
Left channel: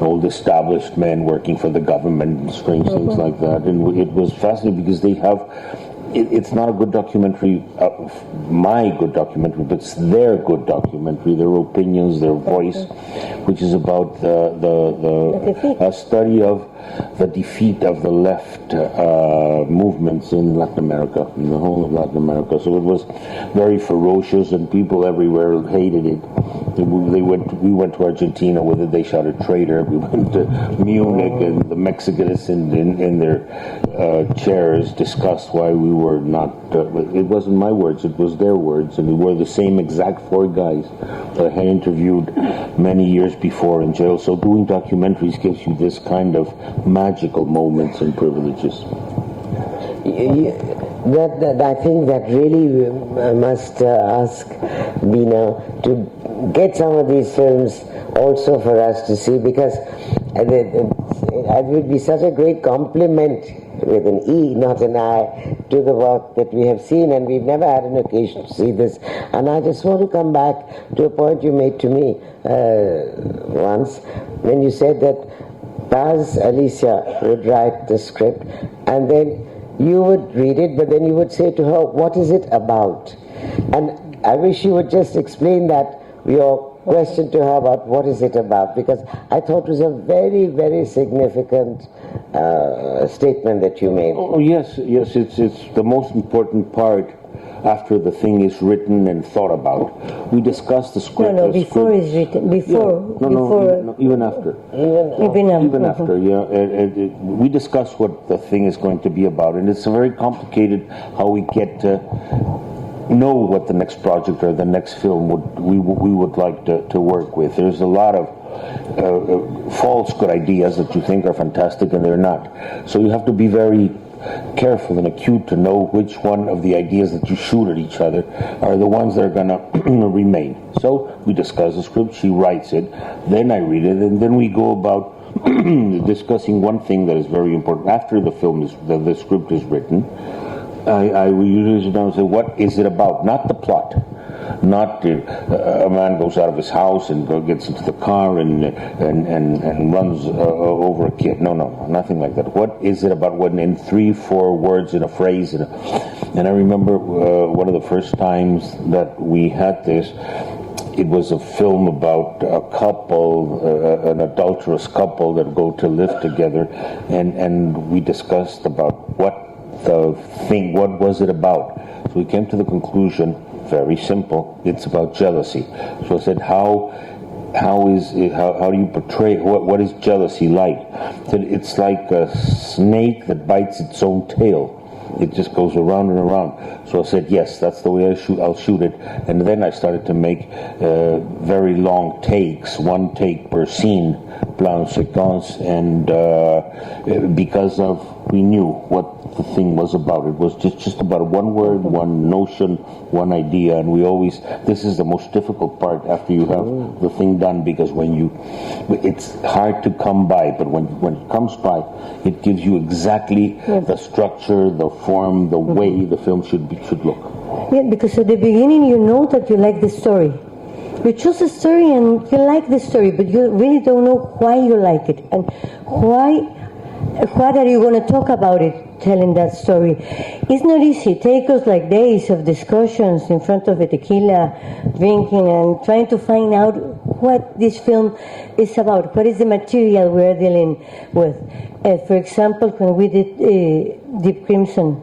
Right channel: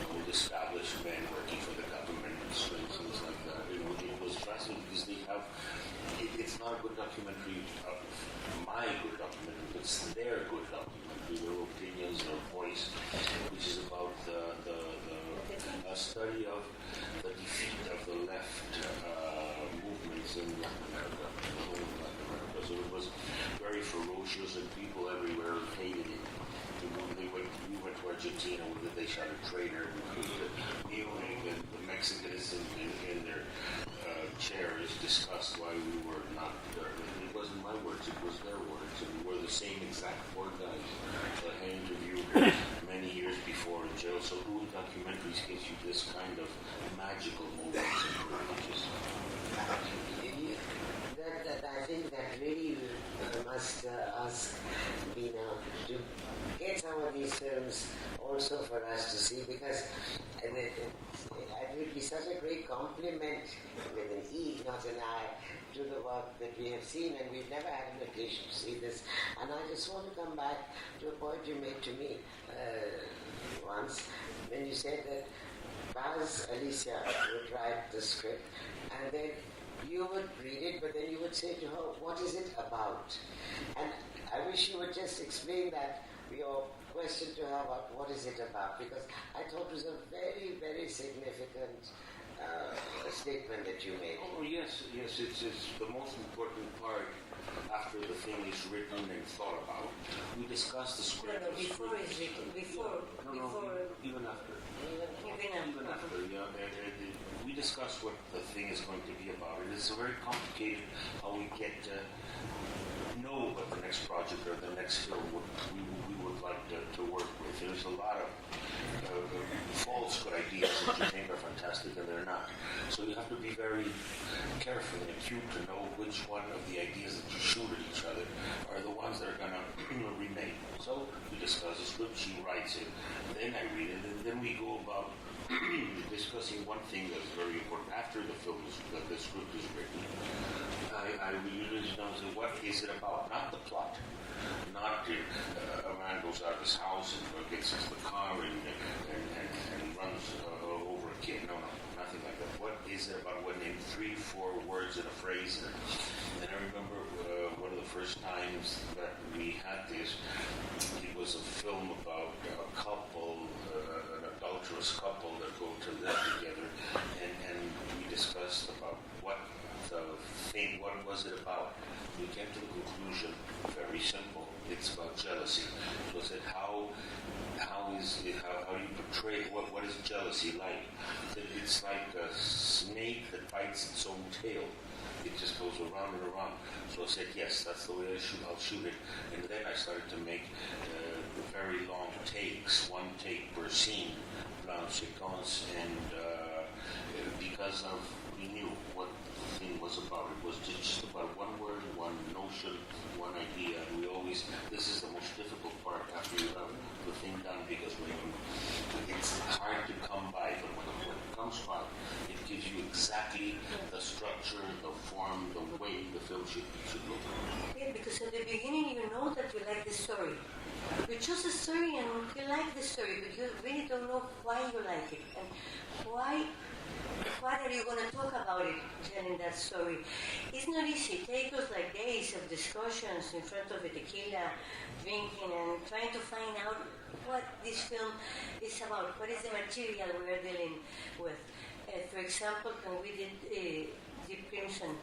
old established men working for the government and strange things like that. And it was fascinating because they have. It's not a good documentary, my good documentary, but it's their good documentary, their opinions, their voice, which is about a study of the defeat of the left movements in Latin America, in the whole of Latin America. So it was very ferocious, and people everywhere hated it. We went to Argentina, where they shouted "traitor." We went to Munich, and the Mexicans in their chairs discussed why we were not. It wasn't my words; it was their words, and we were the same exact 4 guys that I had interviewed many years before in jail. So doing documentaries gives you this kind of magical moments and privileges. That I think that really must ask Bina to get some of these films also for us to see, because it would be such a great compliment, with an E, not an I, to the work that we have seen, and we've never had an occasion to see this. And I just want to come back to a point you made to me once, when you said that Paz Alicia would write the script, and then you would read it, but then you would say to her, what is it about? And I wish you would just explain that, your question to her about what is it about, because I thought it was a very, very significant statement that you made. Oh, yes, it's the most important part after the thing is written and thought about. We discuss the script. No, before it's written. Before. Yeah. No, even after. Even after, yeah. We discuss what the thing is going to be about, and it's very complicated how we get to know what the next project or the next film we would like to work with. There's a lot of false good ideas that you think are fantastic and they're not. So you have to be very careful and acute to know which one of the ideas that you shoot at each other are the ones that are going to remain. So we discuss the script, she writes it, then I read it, and then we go about discussing one thing that is very important. After the film is, the script is written, I usually sit down and say, what is it about? Not the plot. Not a man goes out of his house and gets into the car and runs over a kid. No, nothing like that. What is it about? When in 3-4 words in a phrase. And I remember one of the first times that we had this, it was a film about a couple, an adulterous couple that go to live together, and we discussed about what was it about. So we came to the conclusion, very simple, it's about jealousy. So I said, how do you portray, what is jealousy like? I said, it's like a snake that bites its own tail. It just goes around and around. So I said, yes, that's the way I'll shoot it. And then I started to make very long takes, one take per scene, plan séquence, and because we knew what the thing was about. It was just about one word, one notion, one idea, and this is the most difficult part after you have the thing done, because it's hard to come by, but when it comes by, it gives you exactly the structure, the form, the way the film should look. Yeah, because at the beginning you know that you like the story. You choose a story and you like the story, but you really don't know why you like it and what are you going to talk about it, telling that story. It's not easy. It takes us like days of discussions in front of a tequila, drinking and trying to find out what this film is about, what is the material we're dealing with. For example, when we did Deep Crimson.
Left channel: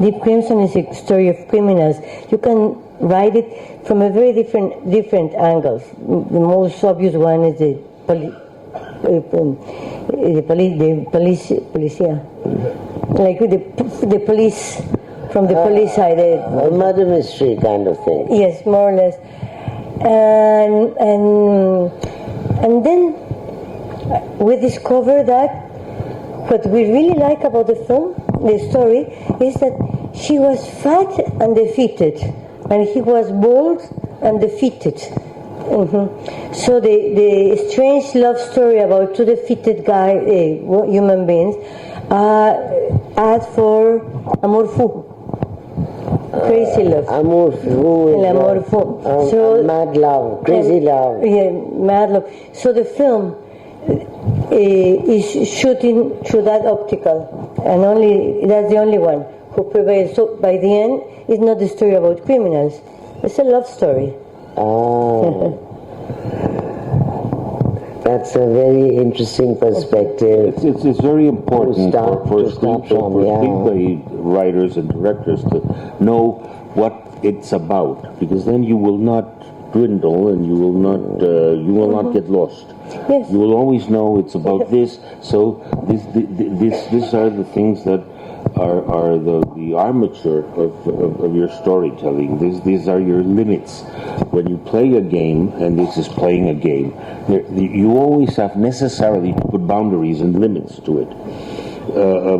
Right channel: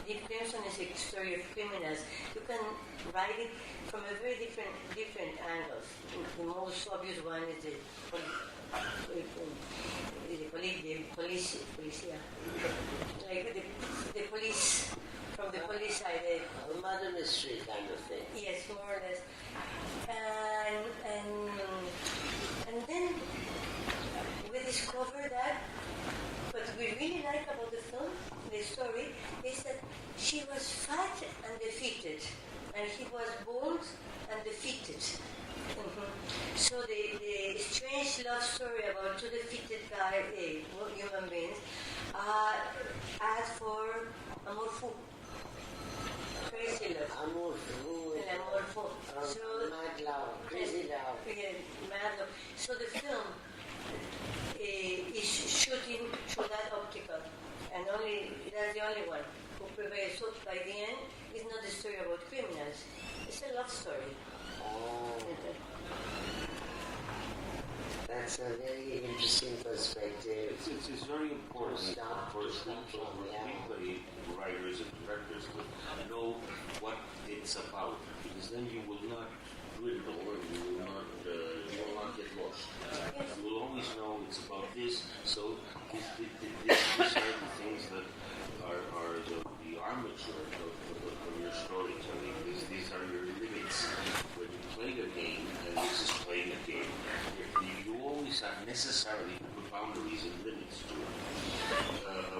Deep Crimson is a story of criminals. You can write it from a very different angles. The most obvious one is the policia, like the police, from the police side. A murder mystery kind of thing. Yes, more or less. And then we discovered that what we really like about the film, the story, is that she was fat and defeated, and he was bold and defeated. So the strange love story about two defeated human beings, asked for amour fou, crazy love. Amour fou. L'amour fou. So mad love, crazy love. Yeah, mad love. So the film is shooting through that optical, and that's the only one who prevails. So by the end, it's not the story about criminals; it's a love story. That's a very interesting perspective. It's very important for screenplay writers and directors to know what it's about, because then you will not dwindle and you will not get lost. Yes. You will always know it's about this. So these are the things that are the armature of your storytelling. These are your limits. When you play a game, and this is playing a game, you always have necessarily to put boundaries and limits to it.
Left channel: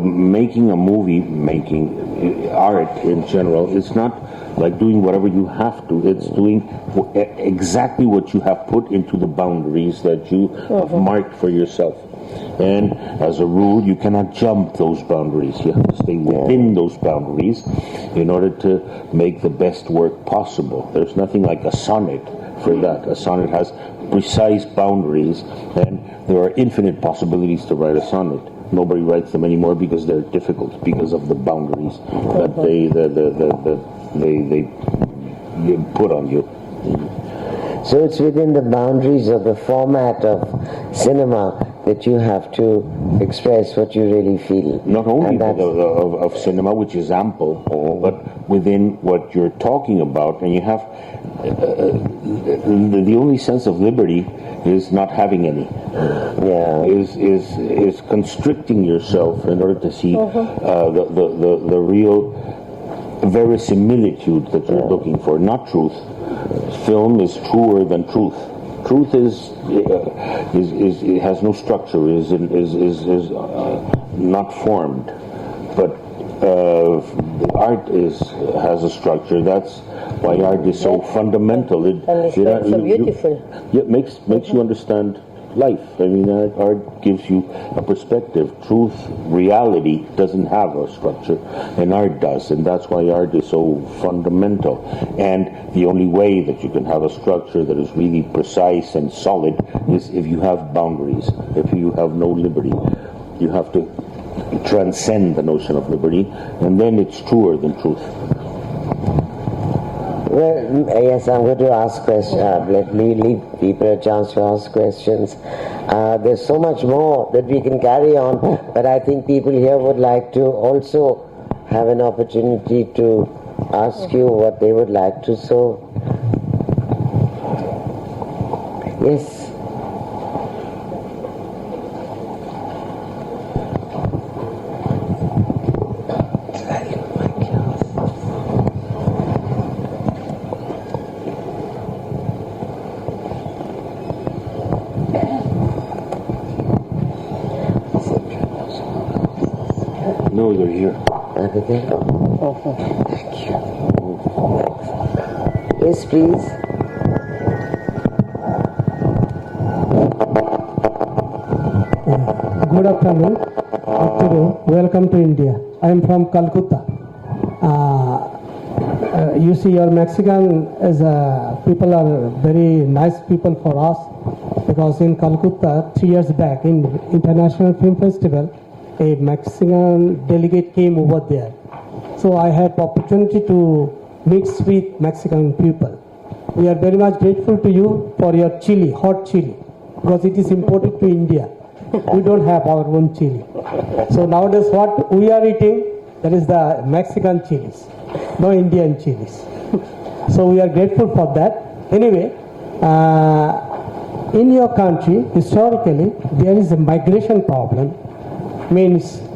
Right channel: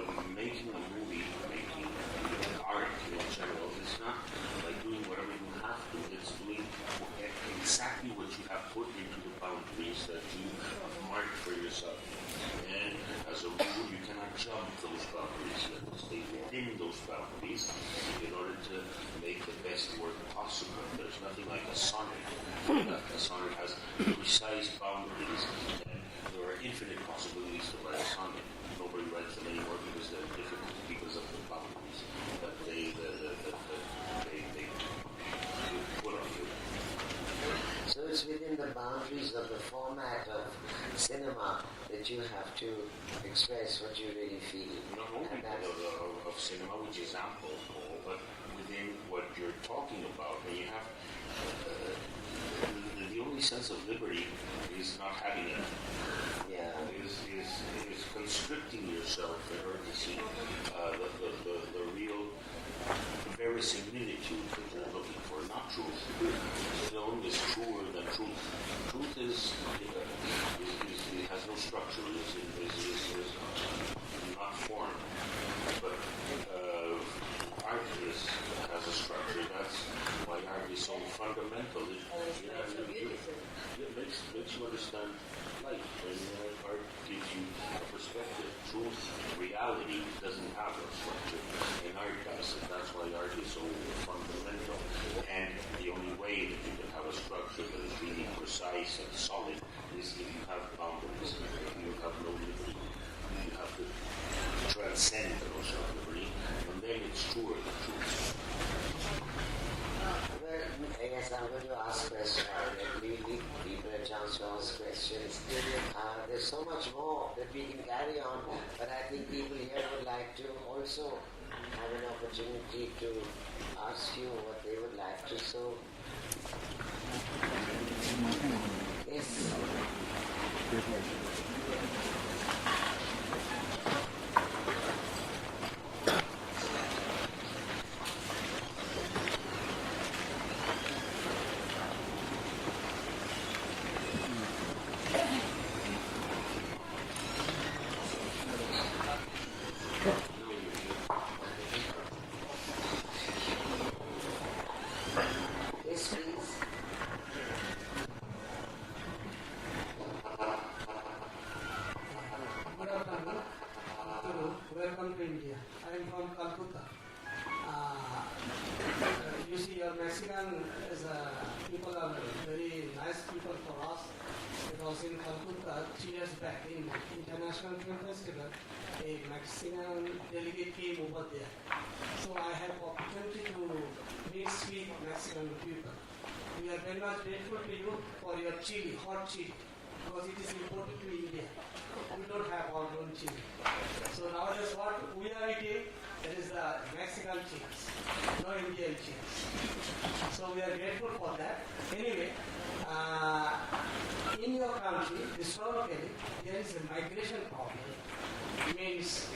making a movie, making art in general, is not like doing whatever you have to. It's doing exactly what you have put into the boundaries that you have marked for yourself. And as a rule, you cannot jump those boundaries. You have to stay within those boundaries in order to make the best work possible. There's nothing like a sonnet for that. A sonnet has precise boundaries, and there are infinite possibilities to write a sonnet. Nobody writes them anymore because they're difficult, because of the boundaries that they put on you. So it's within the boundaries of the format of cinema that you have to express what you really feel. Not only of cinema, which is ample, but within what you're talking about. And you have the only sense of liberty is not having any. Is constricting yourself in order to see the real verisimilitude that you're looking for, not truth. Film is truer than truth. Truth is it has no structure, is not formed, but art has a structure. That's why art is so fundamental. It so beautiful. It makes you understand life. I mean, art gives you a perspective. Truth, reality doesn't have a structure, and art does, and that's why art is so fundamental. And the only way that you can have a structure that is really precise and solid is if you have boundaries, if you have no liberty. You have to transcend the notion of liberty, and then it's truer than truth. Well, yes, I'm going to ask questions. Let me leave people a chance to ask questions. There's so much more that we can carry on, but I think people here would like to also have an opportunity to ask you what they would like to. So, yes. No, you're here. Yes, please. Good afternoon. Arturo, welcome to India. I am from Calcutta. You see, your Mexican people are very nice people for us, because in Calcutta 3 years back in International Film Festival, a Mexican delegate came over there. So I had opportunity to mix with Mexican people. We are very much grateful to you for your chili, hot chili, because it is imported to India. We don't have our own chili. So nowadays what we are eating, that is the Mexican chilies, no Indian chilies. So we are grateful for that. Anyway, in your country, historically, there is a migration problem. Means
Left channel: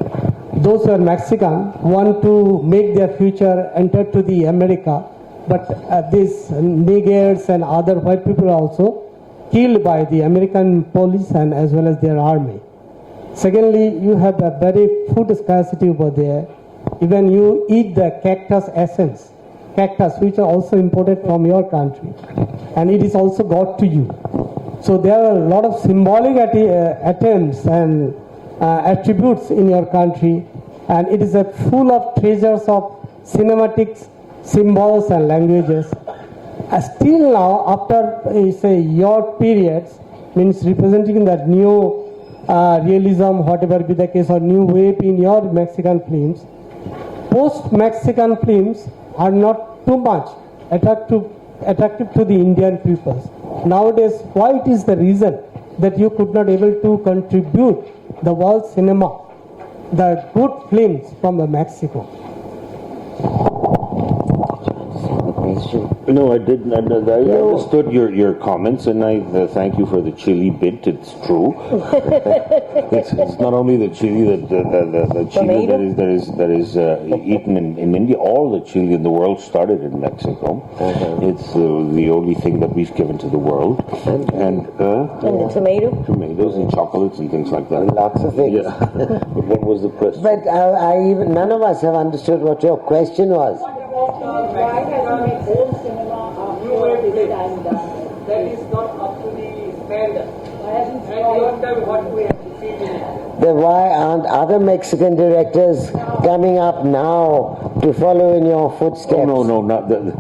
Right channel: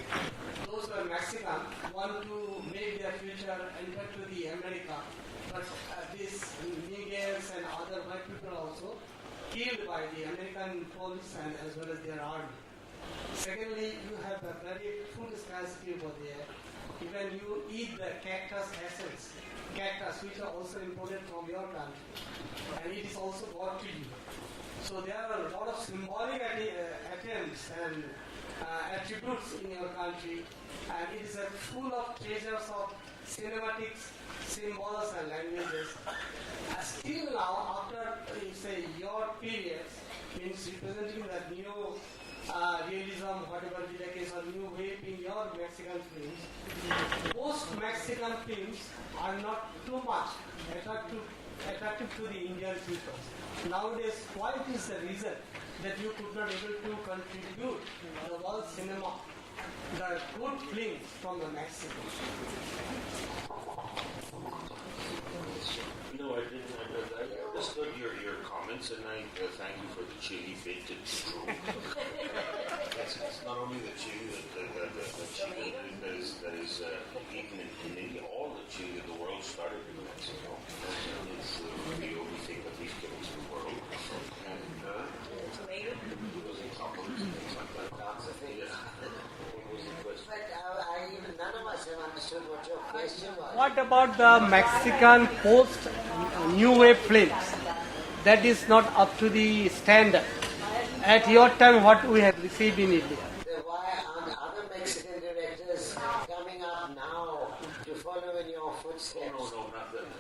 those who are Mexican want to make their future enter to the America, but these niggers and other white people are also killed by the American police and as well as their army. Secondly, you have a very food scarcity over there. Even you eat the cactus essence, cactus which are also imported from your country, and it is also got to you. So there are a lot of symbolic attempts and attributes in your country, and it is full of treasures of cinematics, symbols and languages. Still now, after say your periods, means representing that new realism, whatever be the case, or new wave in your Mexican films, post-Mexican films are not too much attractive to the Indian people. Nowadays, why it is the reason that you could not able to contribute the world cinema, the good films from Mexico? Thank you. No, I didn't. I understood your comments, and I thank you for the chili bit. It's true. it's not only the chili the chili that is eaten in India. All the chili in the world started in Mexico. It's the only thing that we've given to the world, and the tomatoes and chocolates and things like that. Lots of things. Yeah. But what was the question? But none of us have understood what your question was. What about the Mexican post-New Wave films? That is not up to the standard. At your time, what we have received in it? Then why aren't other Mexican directors coming up now to follow in your footsteps? Oh, no, not that.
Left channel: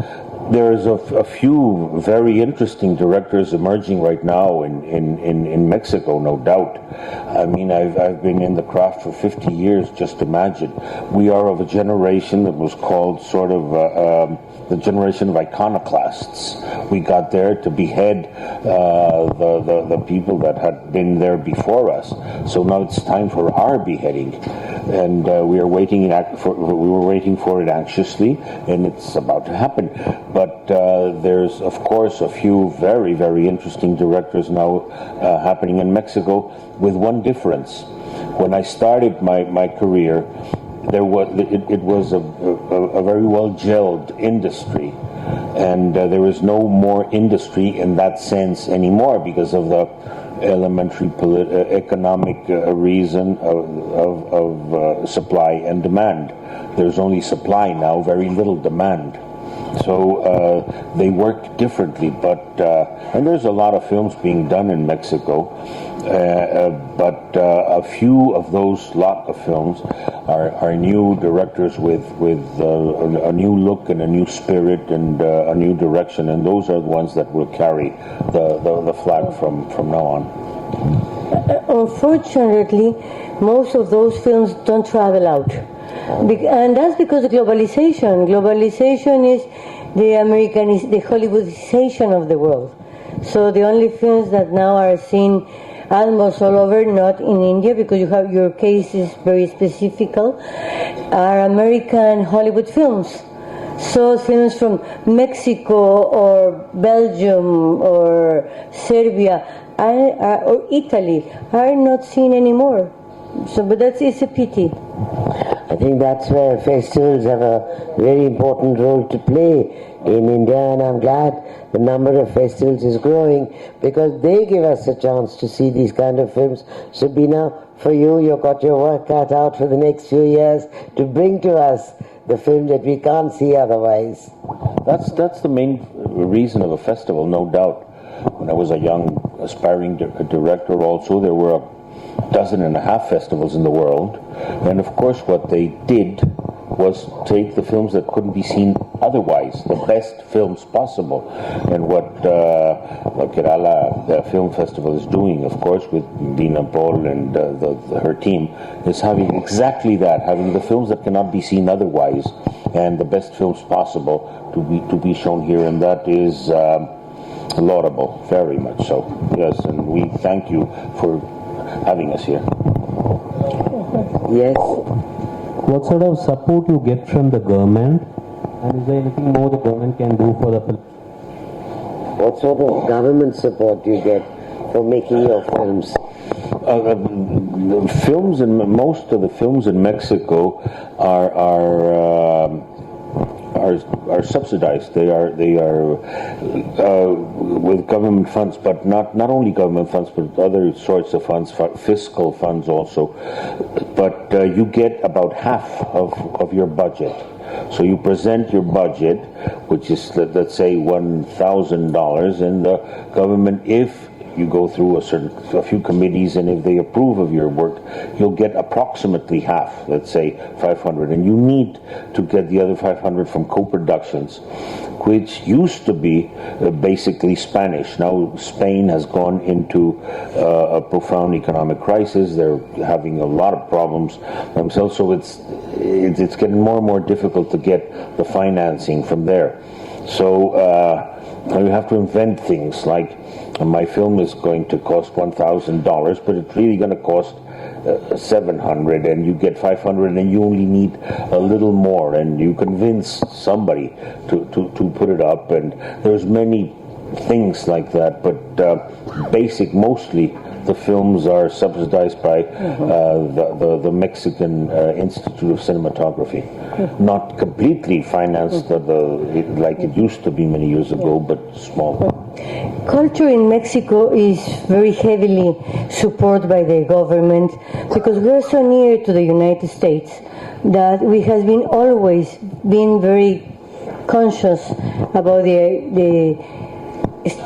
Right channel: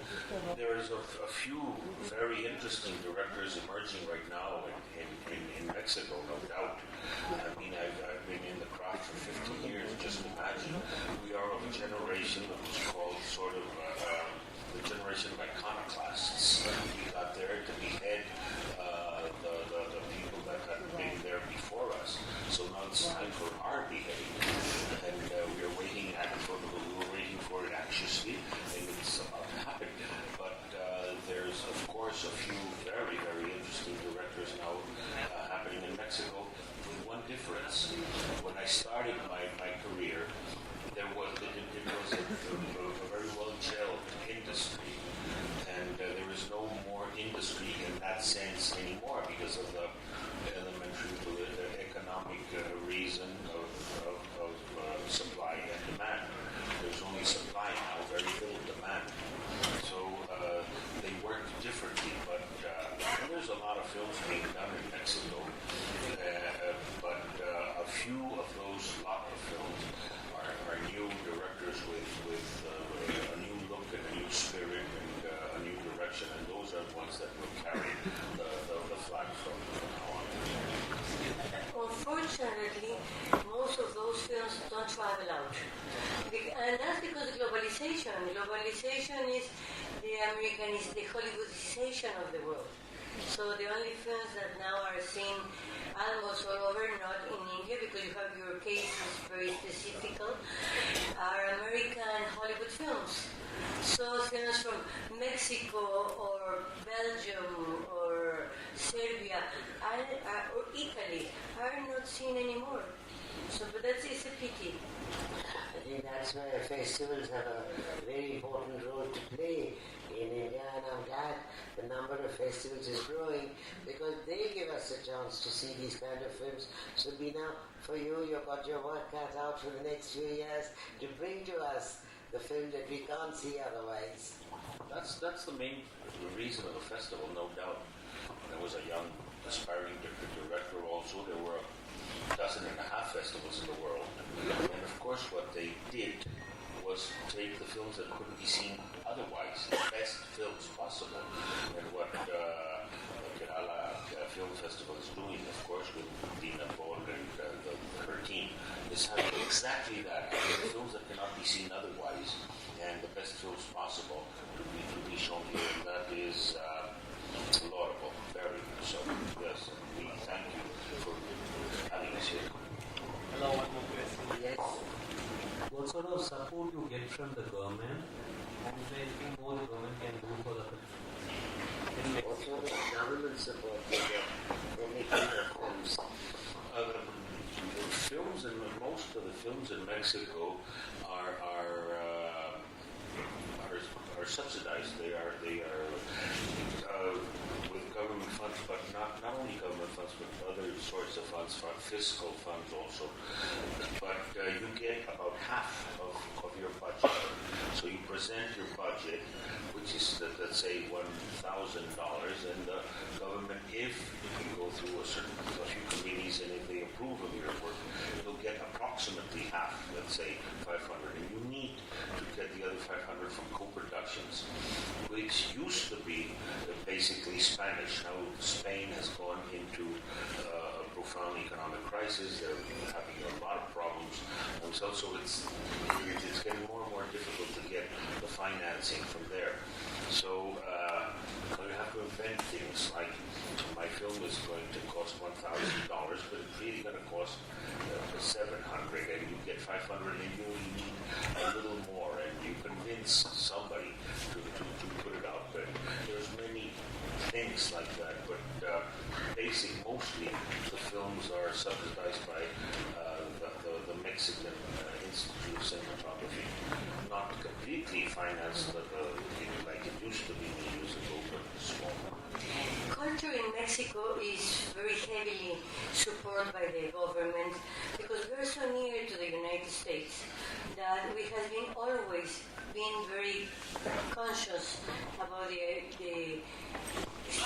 There's a few very interesting directors emerging right now in Mexico, no doubt. I mean, I've been in the craft for 50 years, just imagine. We are of a generation that was called sort of the generation of iconoclasts. We got there to behead the people that had been there before us. So now it's time for our beheading, and we were waiting for it anxiously, and it's about to happen. But there's of course a few very, very interesting directors now happening in Mexico, with one difference. When I started my career, it was a very well gelled industry, and there was no more industry in that sense anymore because of the elementary economic reason of supply and demand. There's only supply now, very little demand. So they worked differently, and there's a lot of films being done in Mexico. But a few of those lot of films are new directors with a new look and a new spirit and a new direction, and those are the ones that will carry the flag from now on. Unfortunately, most of those films don't travel out. And that's because of globalization. Globalization is the Hollywoodization of the world. So the only films that now are seen almost all over, not in India, because your case is very specific, are American Hollywood films. So films from Mexico or Belgium or Serbia or Italy are not seen anymore. So, but it's a pity. I think that's where festivals have a very important role to play in India, and I'm glad the number of festivals is growing because they give us a chance to see these kind of films. Sabina, for you've got your work cut out for the next few years to bring to us the film that we can't see otherwise. That's the main reason of a festival, no doubt. When I was a young aspiring director also, there were 12.5 festivals in the world, and of course what they did was take the films that couldn't be seen otherwise, the best films possible. And what Kerala the Film Festival is doing, of course, with Veena Paul and her team, is having exactly that, having the films that cannot be seen otherwise and the best films possible to be shown here, and that is laudable, very much so. Yes, and we thank you for having us here. Yes. What sort of support you get from the government, and is there anything more the government can do for the film? What sort of government support do you get for making your films? Films, and most of the films in Mexico are subsidized. They are with government funds, but not only government funds, but other sorts of funds, fiscal funds also. But you get about half of your budget. So you present your budget, which is let's say $1,000, and the government, if you go through a few committees, and if they approve of your work, you'll get approximately half, let's say 500, and you need to get the other 500 from co-productions, which used to be basically Spanish. Now Spain has gone into a profound economic crisis. They're having a lot of problems themselves, so it's getting more and more difficult to get the financing from there. So you have to invent things like, my film is going to cost $1,000, but it's really going to cost 700, and you get 500, and you only need a little more, and you convince somebody to put it up, and there's many things like that, but mostly the films are subsidized by the Mexican Institute of Cinematography. Not completely financed like it used to be many years ago, but small. Culture in Mexico is very heavily supported by the government because we're so near to the United States that we have been always been very conscious about the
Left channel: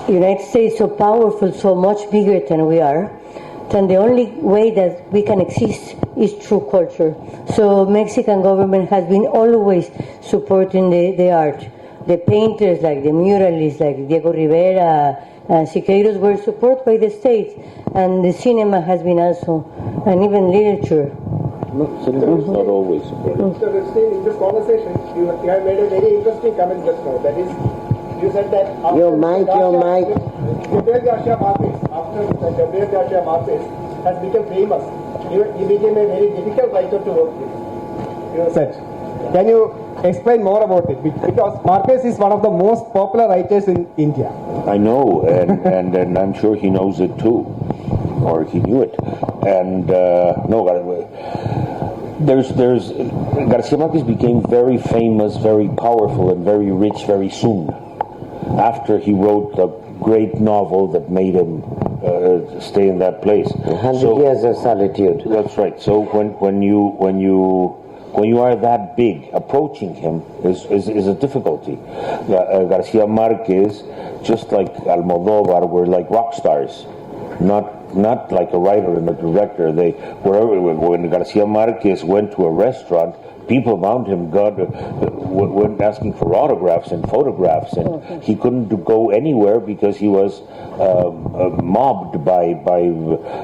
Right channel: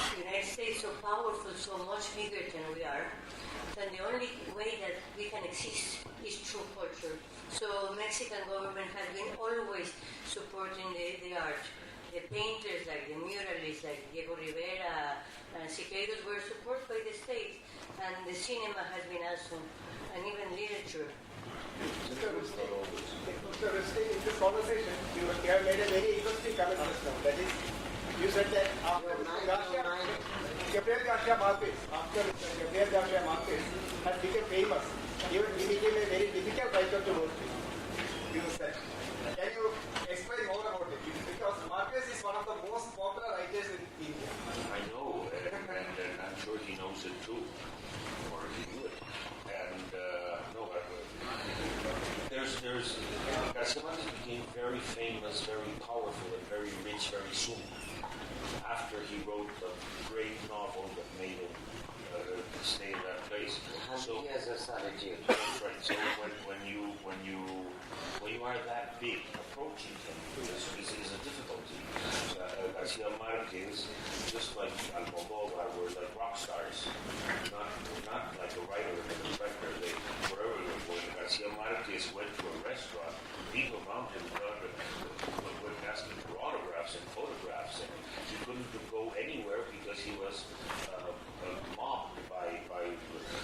United States, so powerful, so much bigger than we are, then the only way that we can exist is through culture. So Mexican government has been always supporting the art. The painters, like the muralists, like Diego Rivera and Siqueiros, were supported by the state, and the cinema has been also, and even literature. Not always. Mr. Ripstein, in this conversation, you have made a very interesting comment just now. That is, you said that after Your mic. Gabriel Garcia Marquez, has become famous. He became a very difficult writer to work with. You said. Can you explain more about it? Because Marquez is one of the most popular writers in India. I know, and I'm sure he knows it too, or he knew it. And there's Garcia Marquez became very famous, very powerful, and very rich very soon, after he wrote a great novel that made him stay in that place. 100 Years of Solitude. That's right. So when you are that big, approaching him is a difficulty. Garcia Marquez, just like Almodóvar, were like rock stars, not like a writer and a director. When Garcia Marquez went to a restaurant, people around him went asking for autographs and photographs, and he couldn't go anywhere because he was mobbed by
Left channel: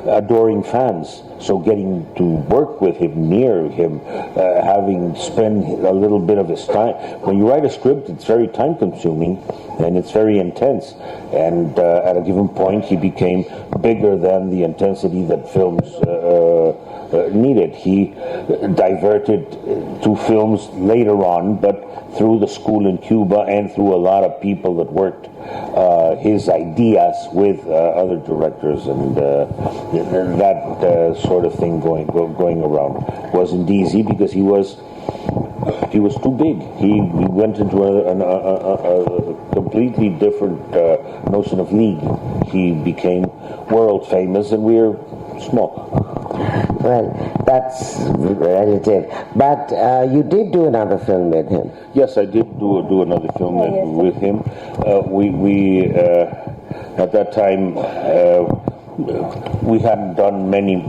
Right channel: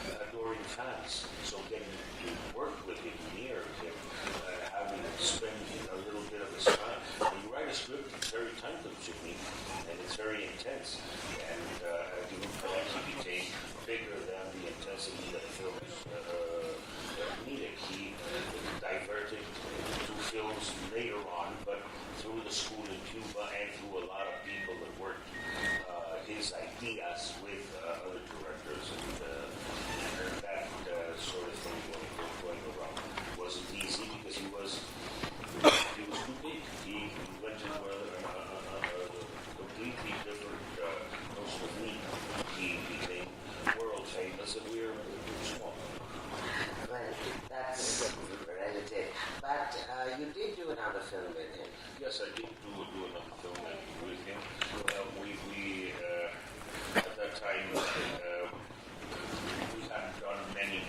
adoring fans. So getting to work with him, near him, having spent a little bit of his time. When you write a script, it's very time-consuming and it's very intense. And at a given point, he became bigger than the intensity that films needed. He diverted to films later on, but through the school in Cuba and through a lot of people that worked his ideas with other directors, and that sort of thing going around wasn't easy because he was too big. He went into a completely different notion of league. He became world famous, and we're small. Well, that's relative. But you did do another film with him. Yes, I did do another film with him. We at that time we hadn't done many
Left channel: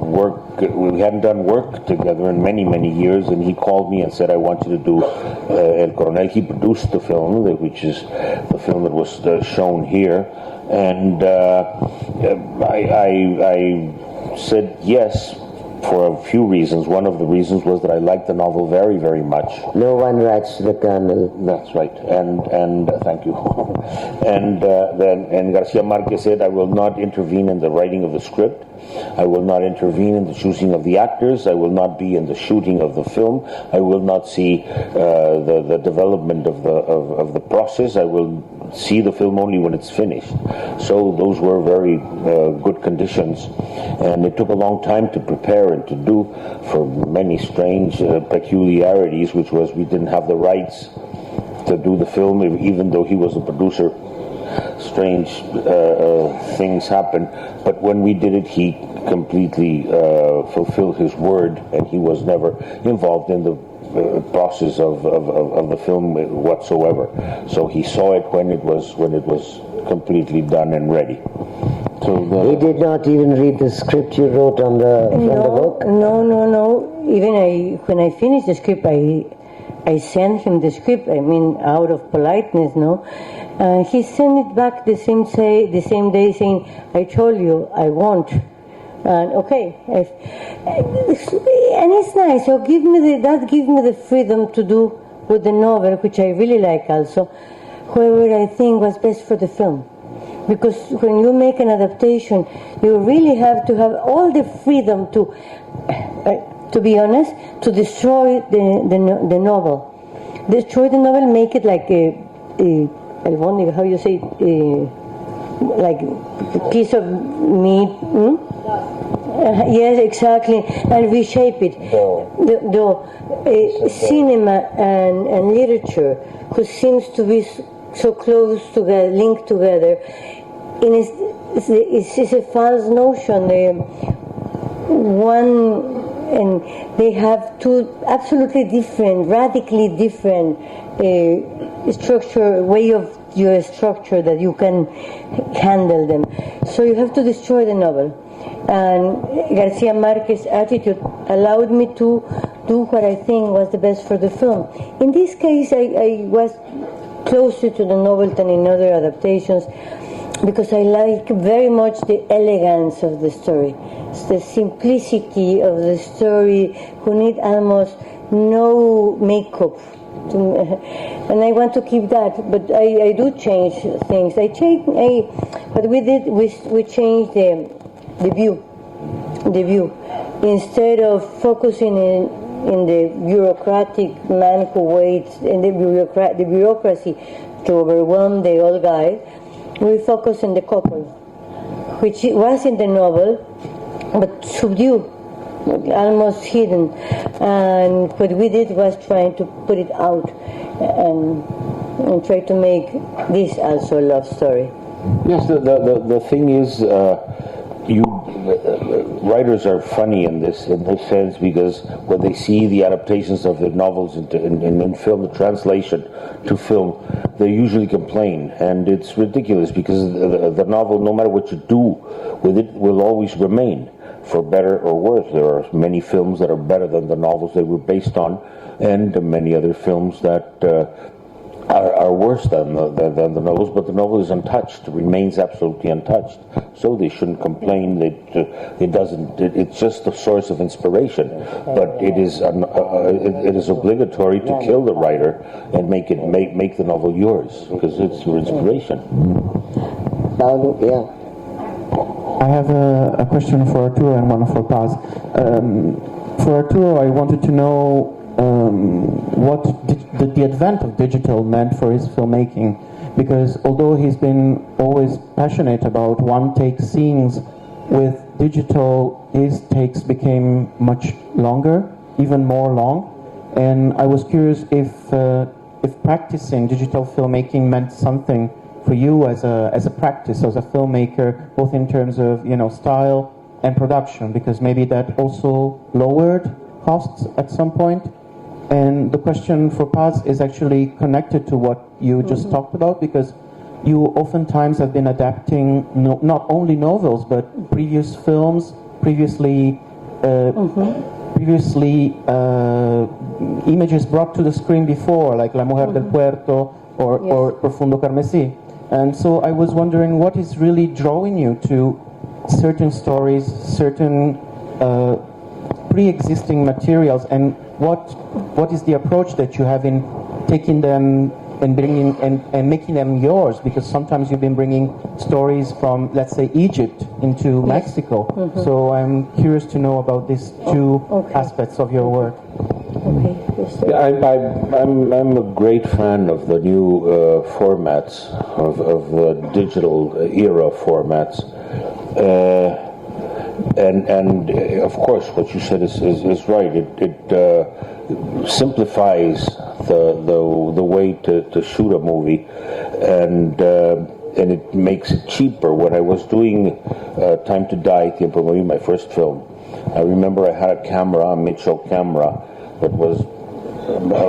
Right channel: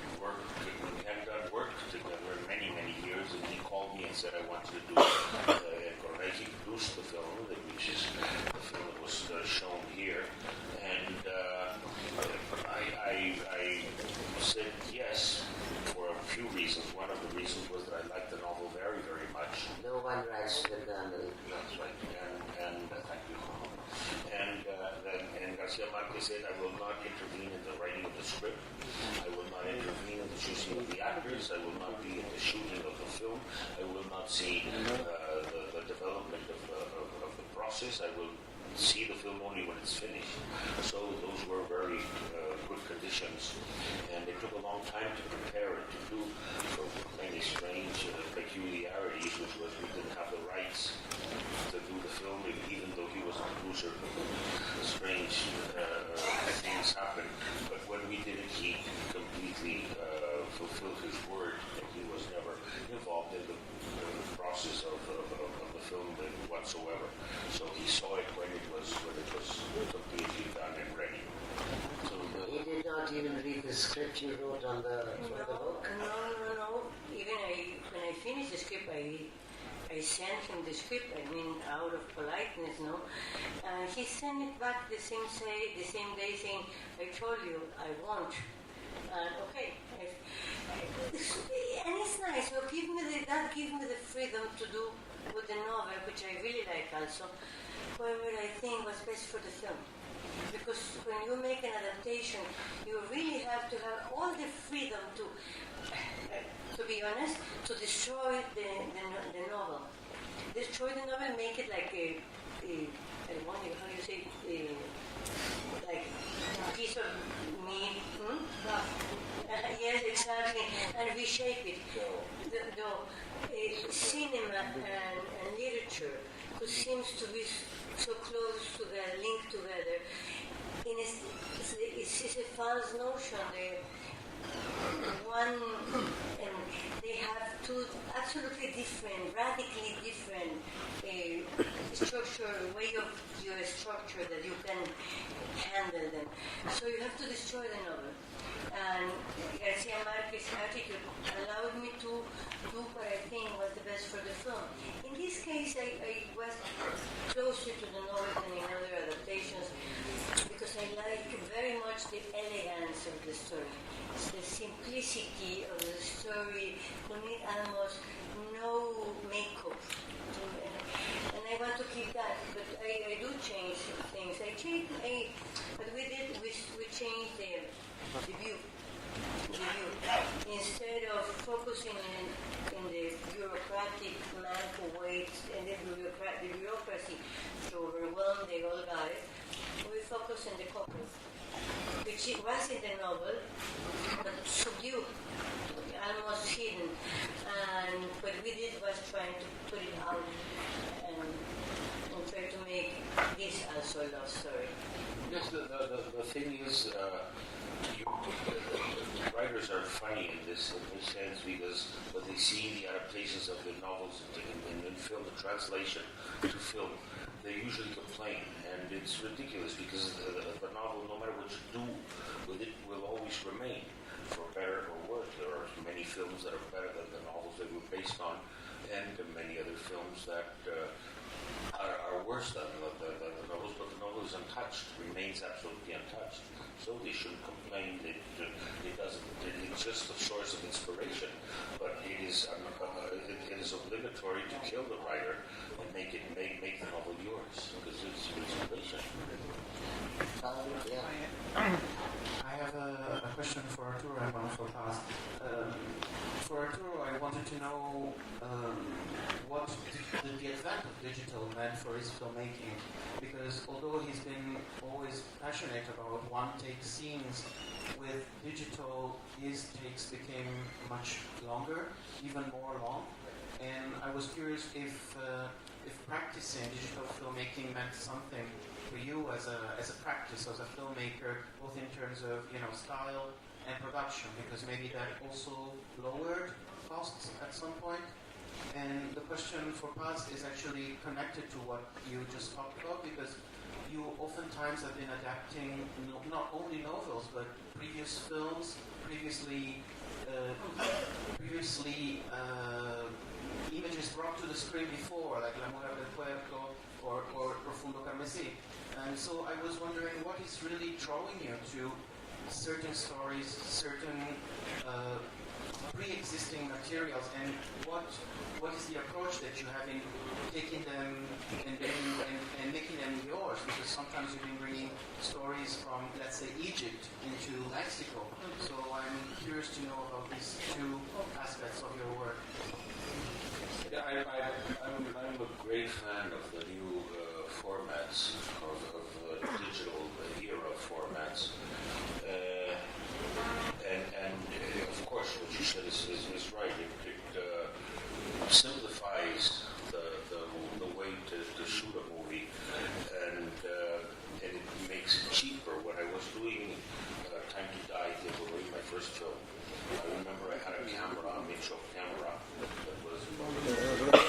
work. We hadn't done work together in many years, and he called me and said, "I want you to do El Coronel." He produced the film, which is the film that was shown here, and I said yes for a few reasons. One of the reasons was that I liked the novel very much. No one writes to the Colonel. That's right, and thank you. And then Garcia Marquez said, "I will not intervene in the writing of the script. I will not intervene in the choosing of the actors. I will not be in the shooting of the film. I will not see the development of the process. I will see the film only when it's finished." So those were very good conditions, and it took a long time to prepare and to do, for many strange peculiarities, which was we didn't have the rights to do the film, even though he was the producer. Strange things happened, but when we did it, he completely fulfilled his word, and he was never involved in the process of the film whatsoever. So he saw it when it was completely done and ready. So he did not even read the script you wrote from the book? No. Even when I finished the script, I sent him the script, out of politeness, no? He sent it back the same day saying, "I told you I won't." Okay. And it's nice. So that gives me the freedom to do with the novel, which I really like also, whoever I think was best for the film. Because when you make an adaptation, you really have to have all the freedom to be honest, to destroy the novel. Destroy the novel, make it like I wonder how you say, like a piece of meat. Yes, exactly, and reshape it. Cinema and literature, who seems to be so close together, linked together, it's a false notion. And they have two absolutely different, radically different way of your structure that you can handle them. So you have to destroy the novel. And Garcia Marquez's attitude allowed me to do what I think was the best for the film. In this case, I was closer to the novel than in other adaptations, because I like very much the elegance of the story, the simplicity of the story, who need almost no makeup. And I want to keep that, but I do change things. But we changed the view. Instead of focusing in the bureaucratic man who waits and the bureaucracy to overwhelm the old guy, we focus on the couple, which was in the novel, but subdued, almost hidden. And what we did was trying to put it out and try to make this also a love story. Yes, the thing is, writers are funny in this sense, because when they see the adaptations of the novels in film, the translation to film, they usually complain, and it's ridiculous, because the novel, no matter what you do with it, will always remain, for better or worse. There are many films that are better than the novels they were based on, and many other films that are worse than the novels, but the novel is untouched, remains absolutely untouched. So they shouldn't complain. It's just a source of inspiration, but it is obligatory to kill the writer and make the novel yours, because it's your inspiration. Yeah. I have a question for Arturo and one for Paz. For Arturo, I wanted to know what the advent of digital meant for his filmmaking, because although he's been always passionate about one-take scenes, with digital his takes became much longer, even more long, and I was curious if practicing digital filmmaking meant something for you as a practice, as a filmmaker, both in terms of style and production, because maybe that also lowered costs at some point. And the question for Paz is actually connected to what you just talked about, because you oftentimes have been adapting not only novels, but previous films, previously images brought to the screen before, like La Mujer del Puerto or Profundo Carmesí. And so I was wondering, what is really drawing you to certain stories, certain pre-existing materials, and what is the approach that you have in taking them and bringing and making them yours? Because sometimes you've been bringing stories from, let's say, Egypt into Mexico. So I'm curious to know about these two aspects of your work. I'm a great fan of the new formats, of the digital era formats. And of course, what you said is right. It simplifies the way to shoot a movie, and it makes it cheaper. When I was doing Time to Die, Tiempo Morir, my first film, I remember I had a camera, a Mitchell camera, that was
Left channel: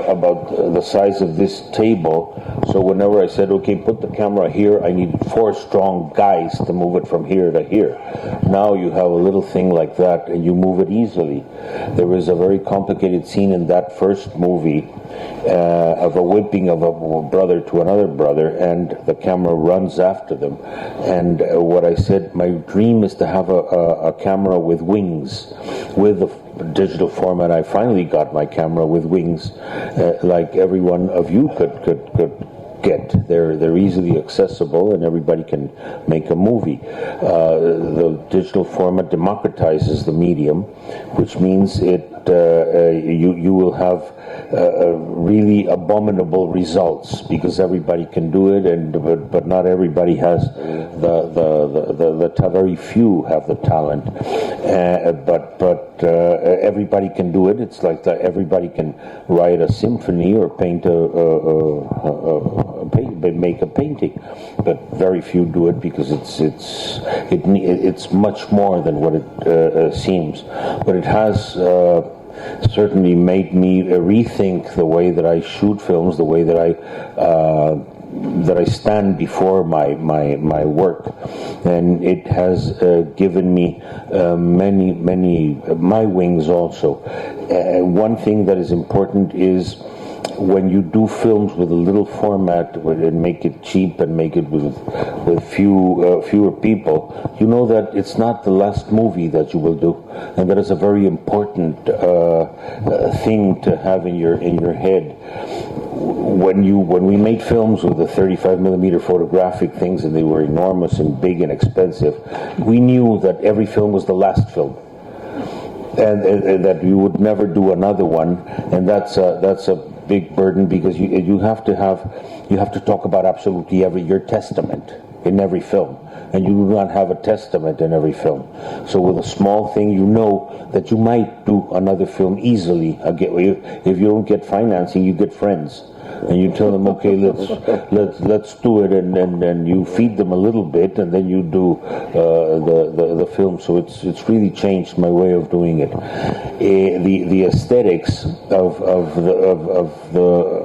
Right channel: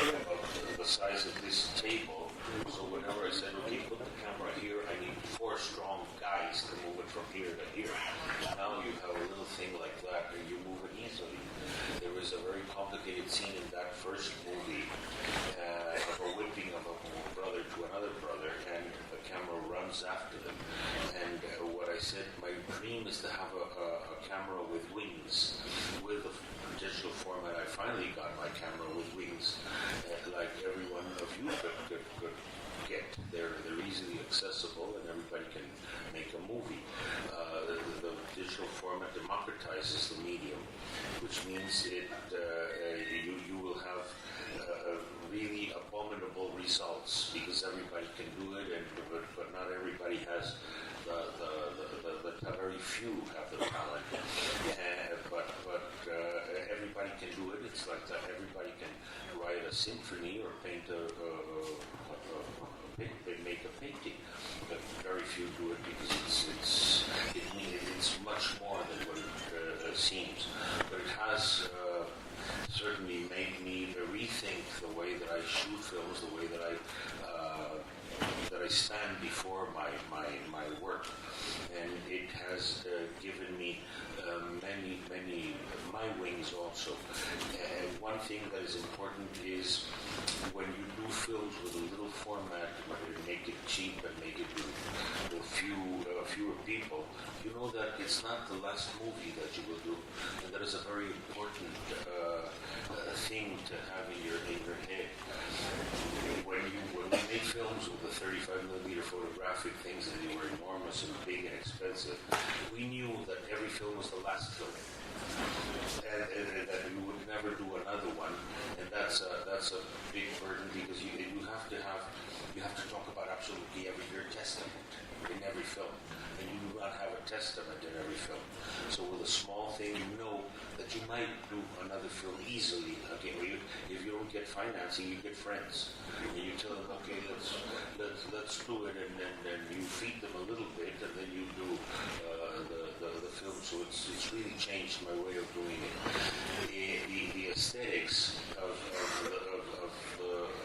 about the size of this table. So whenever I said, okay, put the camera here, I need 4 strong guys to move it from here to here. Now you have a little thing like that and you move it easily. There was a very complicated scene in that first movie of a whipping of a brother to another brother, and the camera runs after them. And what I said, my dream is to have a camera with wings. With the digital format, I finally got my camera with wings, like every one of you could get. They're easily accessible, and everybody can make a movie. The digital format democratizes the medium, which means you will have really abominable results because everybody can do it, but not everybody has very few have the talent. But everybody can do it. It's like that everybody can write a symphony or paint make a painting, but very few do it because it's much more than what it seems. But it has certainly made me rethink the way that I shoot films, the way that I stand before my work, and it has given me many my wings also. One thing that is important is when you do films with a little format, and make it cheap and make it with fewer people, you know that it's not the last movie that you will do, and that is a very important thing to have in your head. When we made films with the 35mm photographic things, and they were enormous and big and expensive, we knew that every film was the last film, and that we would never do another one, and that's a big burden because you have to talk about absolutely your testament in every film, and you do not have a testament in every film. So with a small thing, you know that you might do another film easily. If you don't get financing, you get friends, and you tell them, okay, let's do it, and then you feed them a little bit, and then you do the film. So it's really changed my way of doing it. The aesthetics of the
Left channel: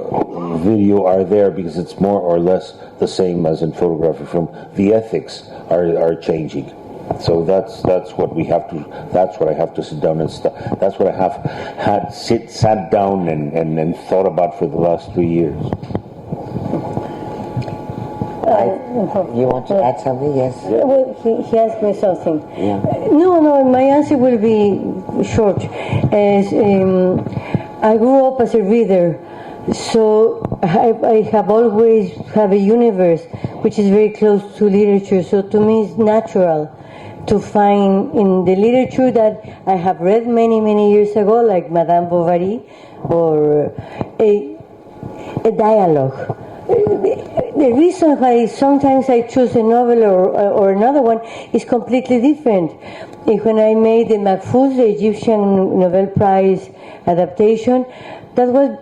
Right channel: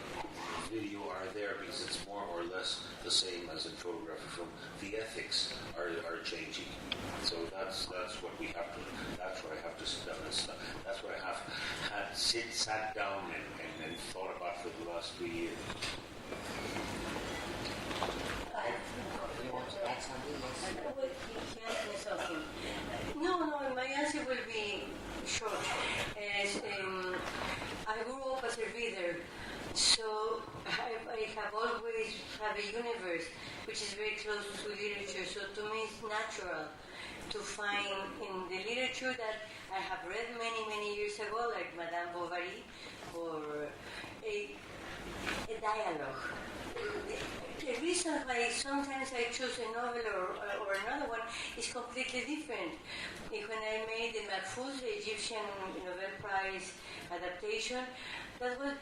video are there because it's more or less the same as in photographic film. The ethics are changing. So that's what we have to. That's what I have to sit down and that's what I have sat down and thought about for the last 3 years. You want to add something? Yes. Well, he asked me something. Yeah. No, my answer will be short. As I grew up as a reader, so I have always have a universe which is very close to literature. So to me, it's natural to find in the literature that I have read many years ago, like Madame Bovary, or a dialogue. The reason why sometimes I choose a novel or another one is completely different. When I made the Mahfouz, the Egyptian Nobel Prize adaptation, that was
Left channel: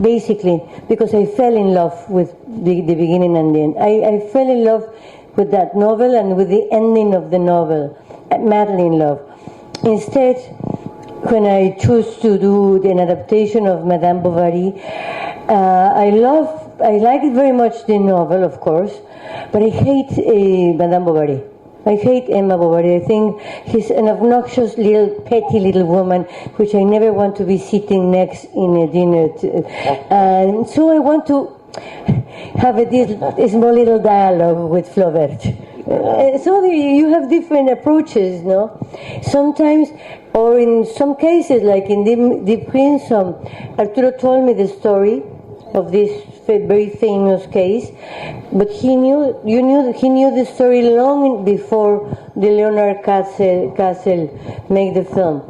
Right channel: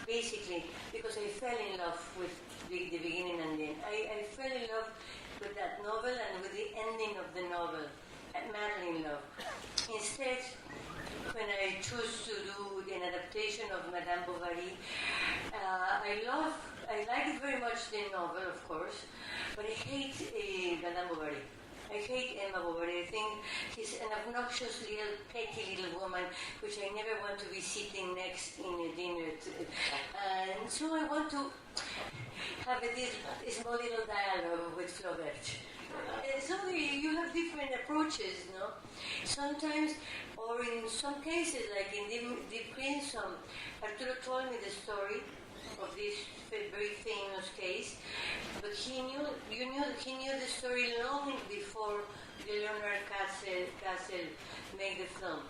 basically because I fell in love with the beginning and the end. I fell in love with that novel and with the ending of the novel, madly in love. Instead, when I chose to do an adaptation of Madame Bovary, I like very much the novel, of course, but I hate Madame Bovary. I hate Emma Bovary. I think she's an obnoxious petty little woman, which I never want to be sitting next in a dinner. And so I want to have a small little dialogue with Flaubert. So you have different approaches, no? Sometimes, or in some cases, like in The Prince, Arturo told me the story of this very famous case, but he knew the story long before the Leonard Castle made the film.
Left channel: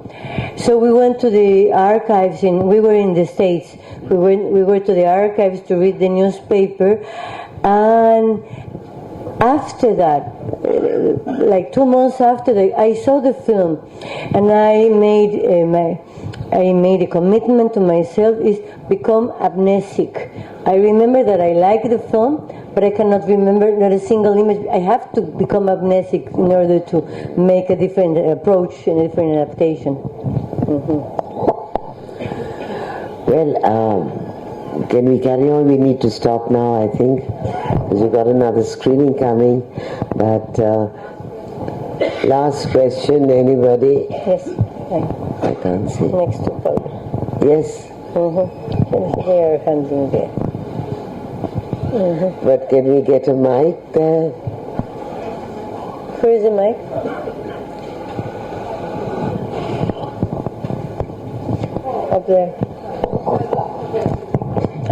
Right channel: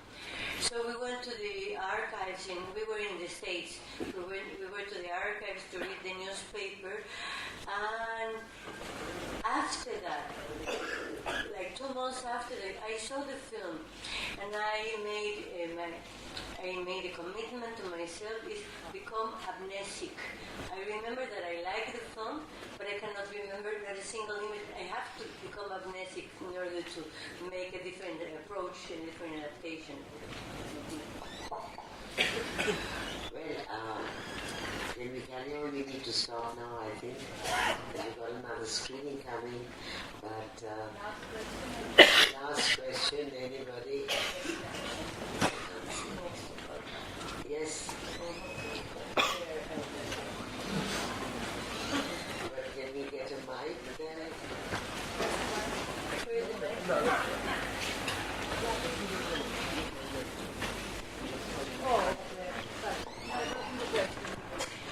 So we went to the archives, we were in the States. We were to the archives to read the newspaper, and after that, like 2 months after that, I saw the film, and I made a commitment to myself is become amnesic. I remember that I liked the film, but I cannot remember not a single image. I have to become amnesic in order to make a different approach and a different adaptation. Mm-hmm. Well, can we carry on? We need to stop now, I think, because we've got another screening coming. But last question, anybody? Yes. I can't see. Next to Paul. Yes. Mm-hmm. They are handing there. Mm-hmm. But can we get a mic there? Where is the mic? Up there.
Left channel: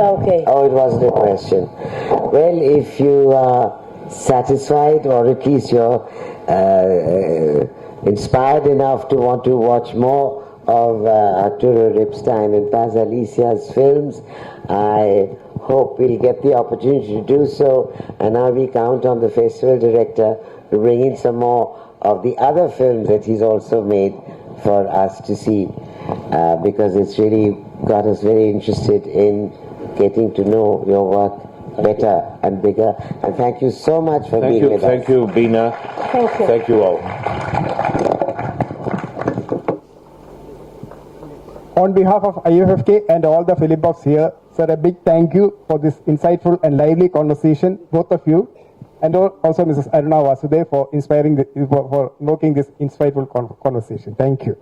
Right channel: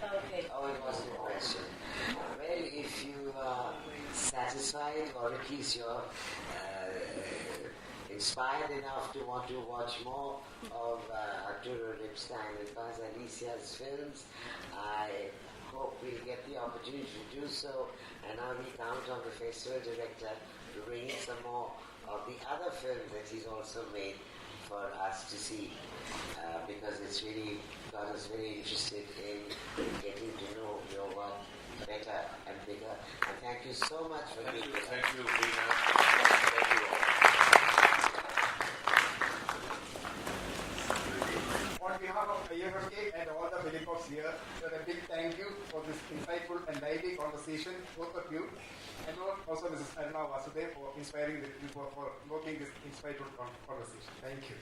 Okay. Oh, it wasn't a question. Well, if you are satisfied, or at least you're inspired enough to want to watch more of Arturo Ripstein and Paz Alicia's films, I hope we'll get the opportunity to do so, and now we count on the festival director to bring in some more of the other films that he's also made for us to see, because it's really got us very interested in getting to know your work better and bigger. And thank you so much for being with us. Thank you, Bina. Thank you. Thank you all. On behalf of Iffk and all the film buffs here, sir, a big thank you for this insightful and lively conversation, both of you, and also Mrs. Aruna Vasudev for inspiring, for making this insightful conversation. Thank you.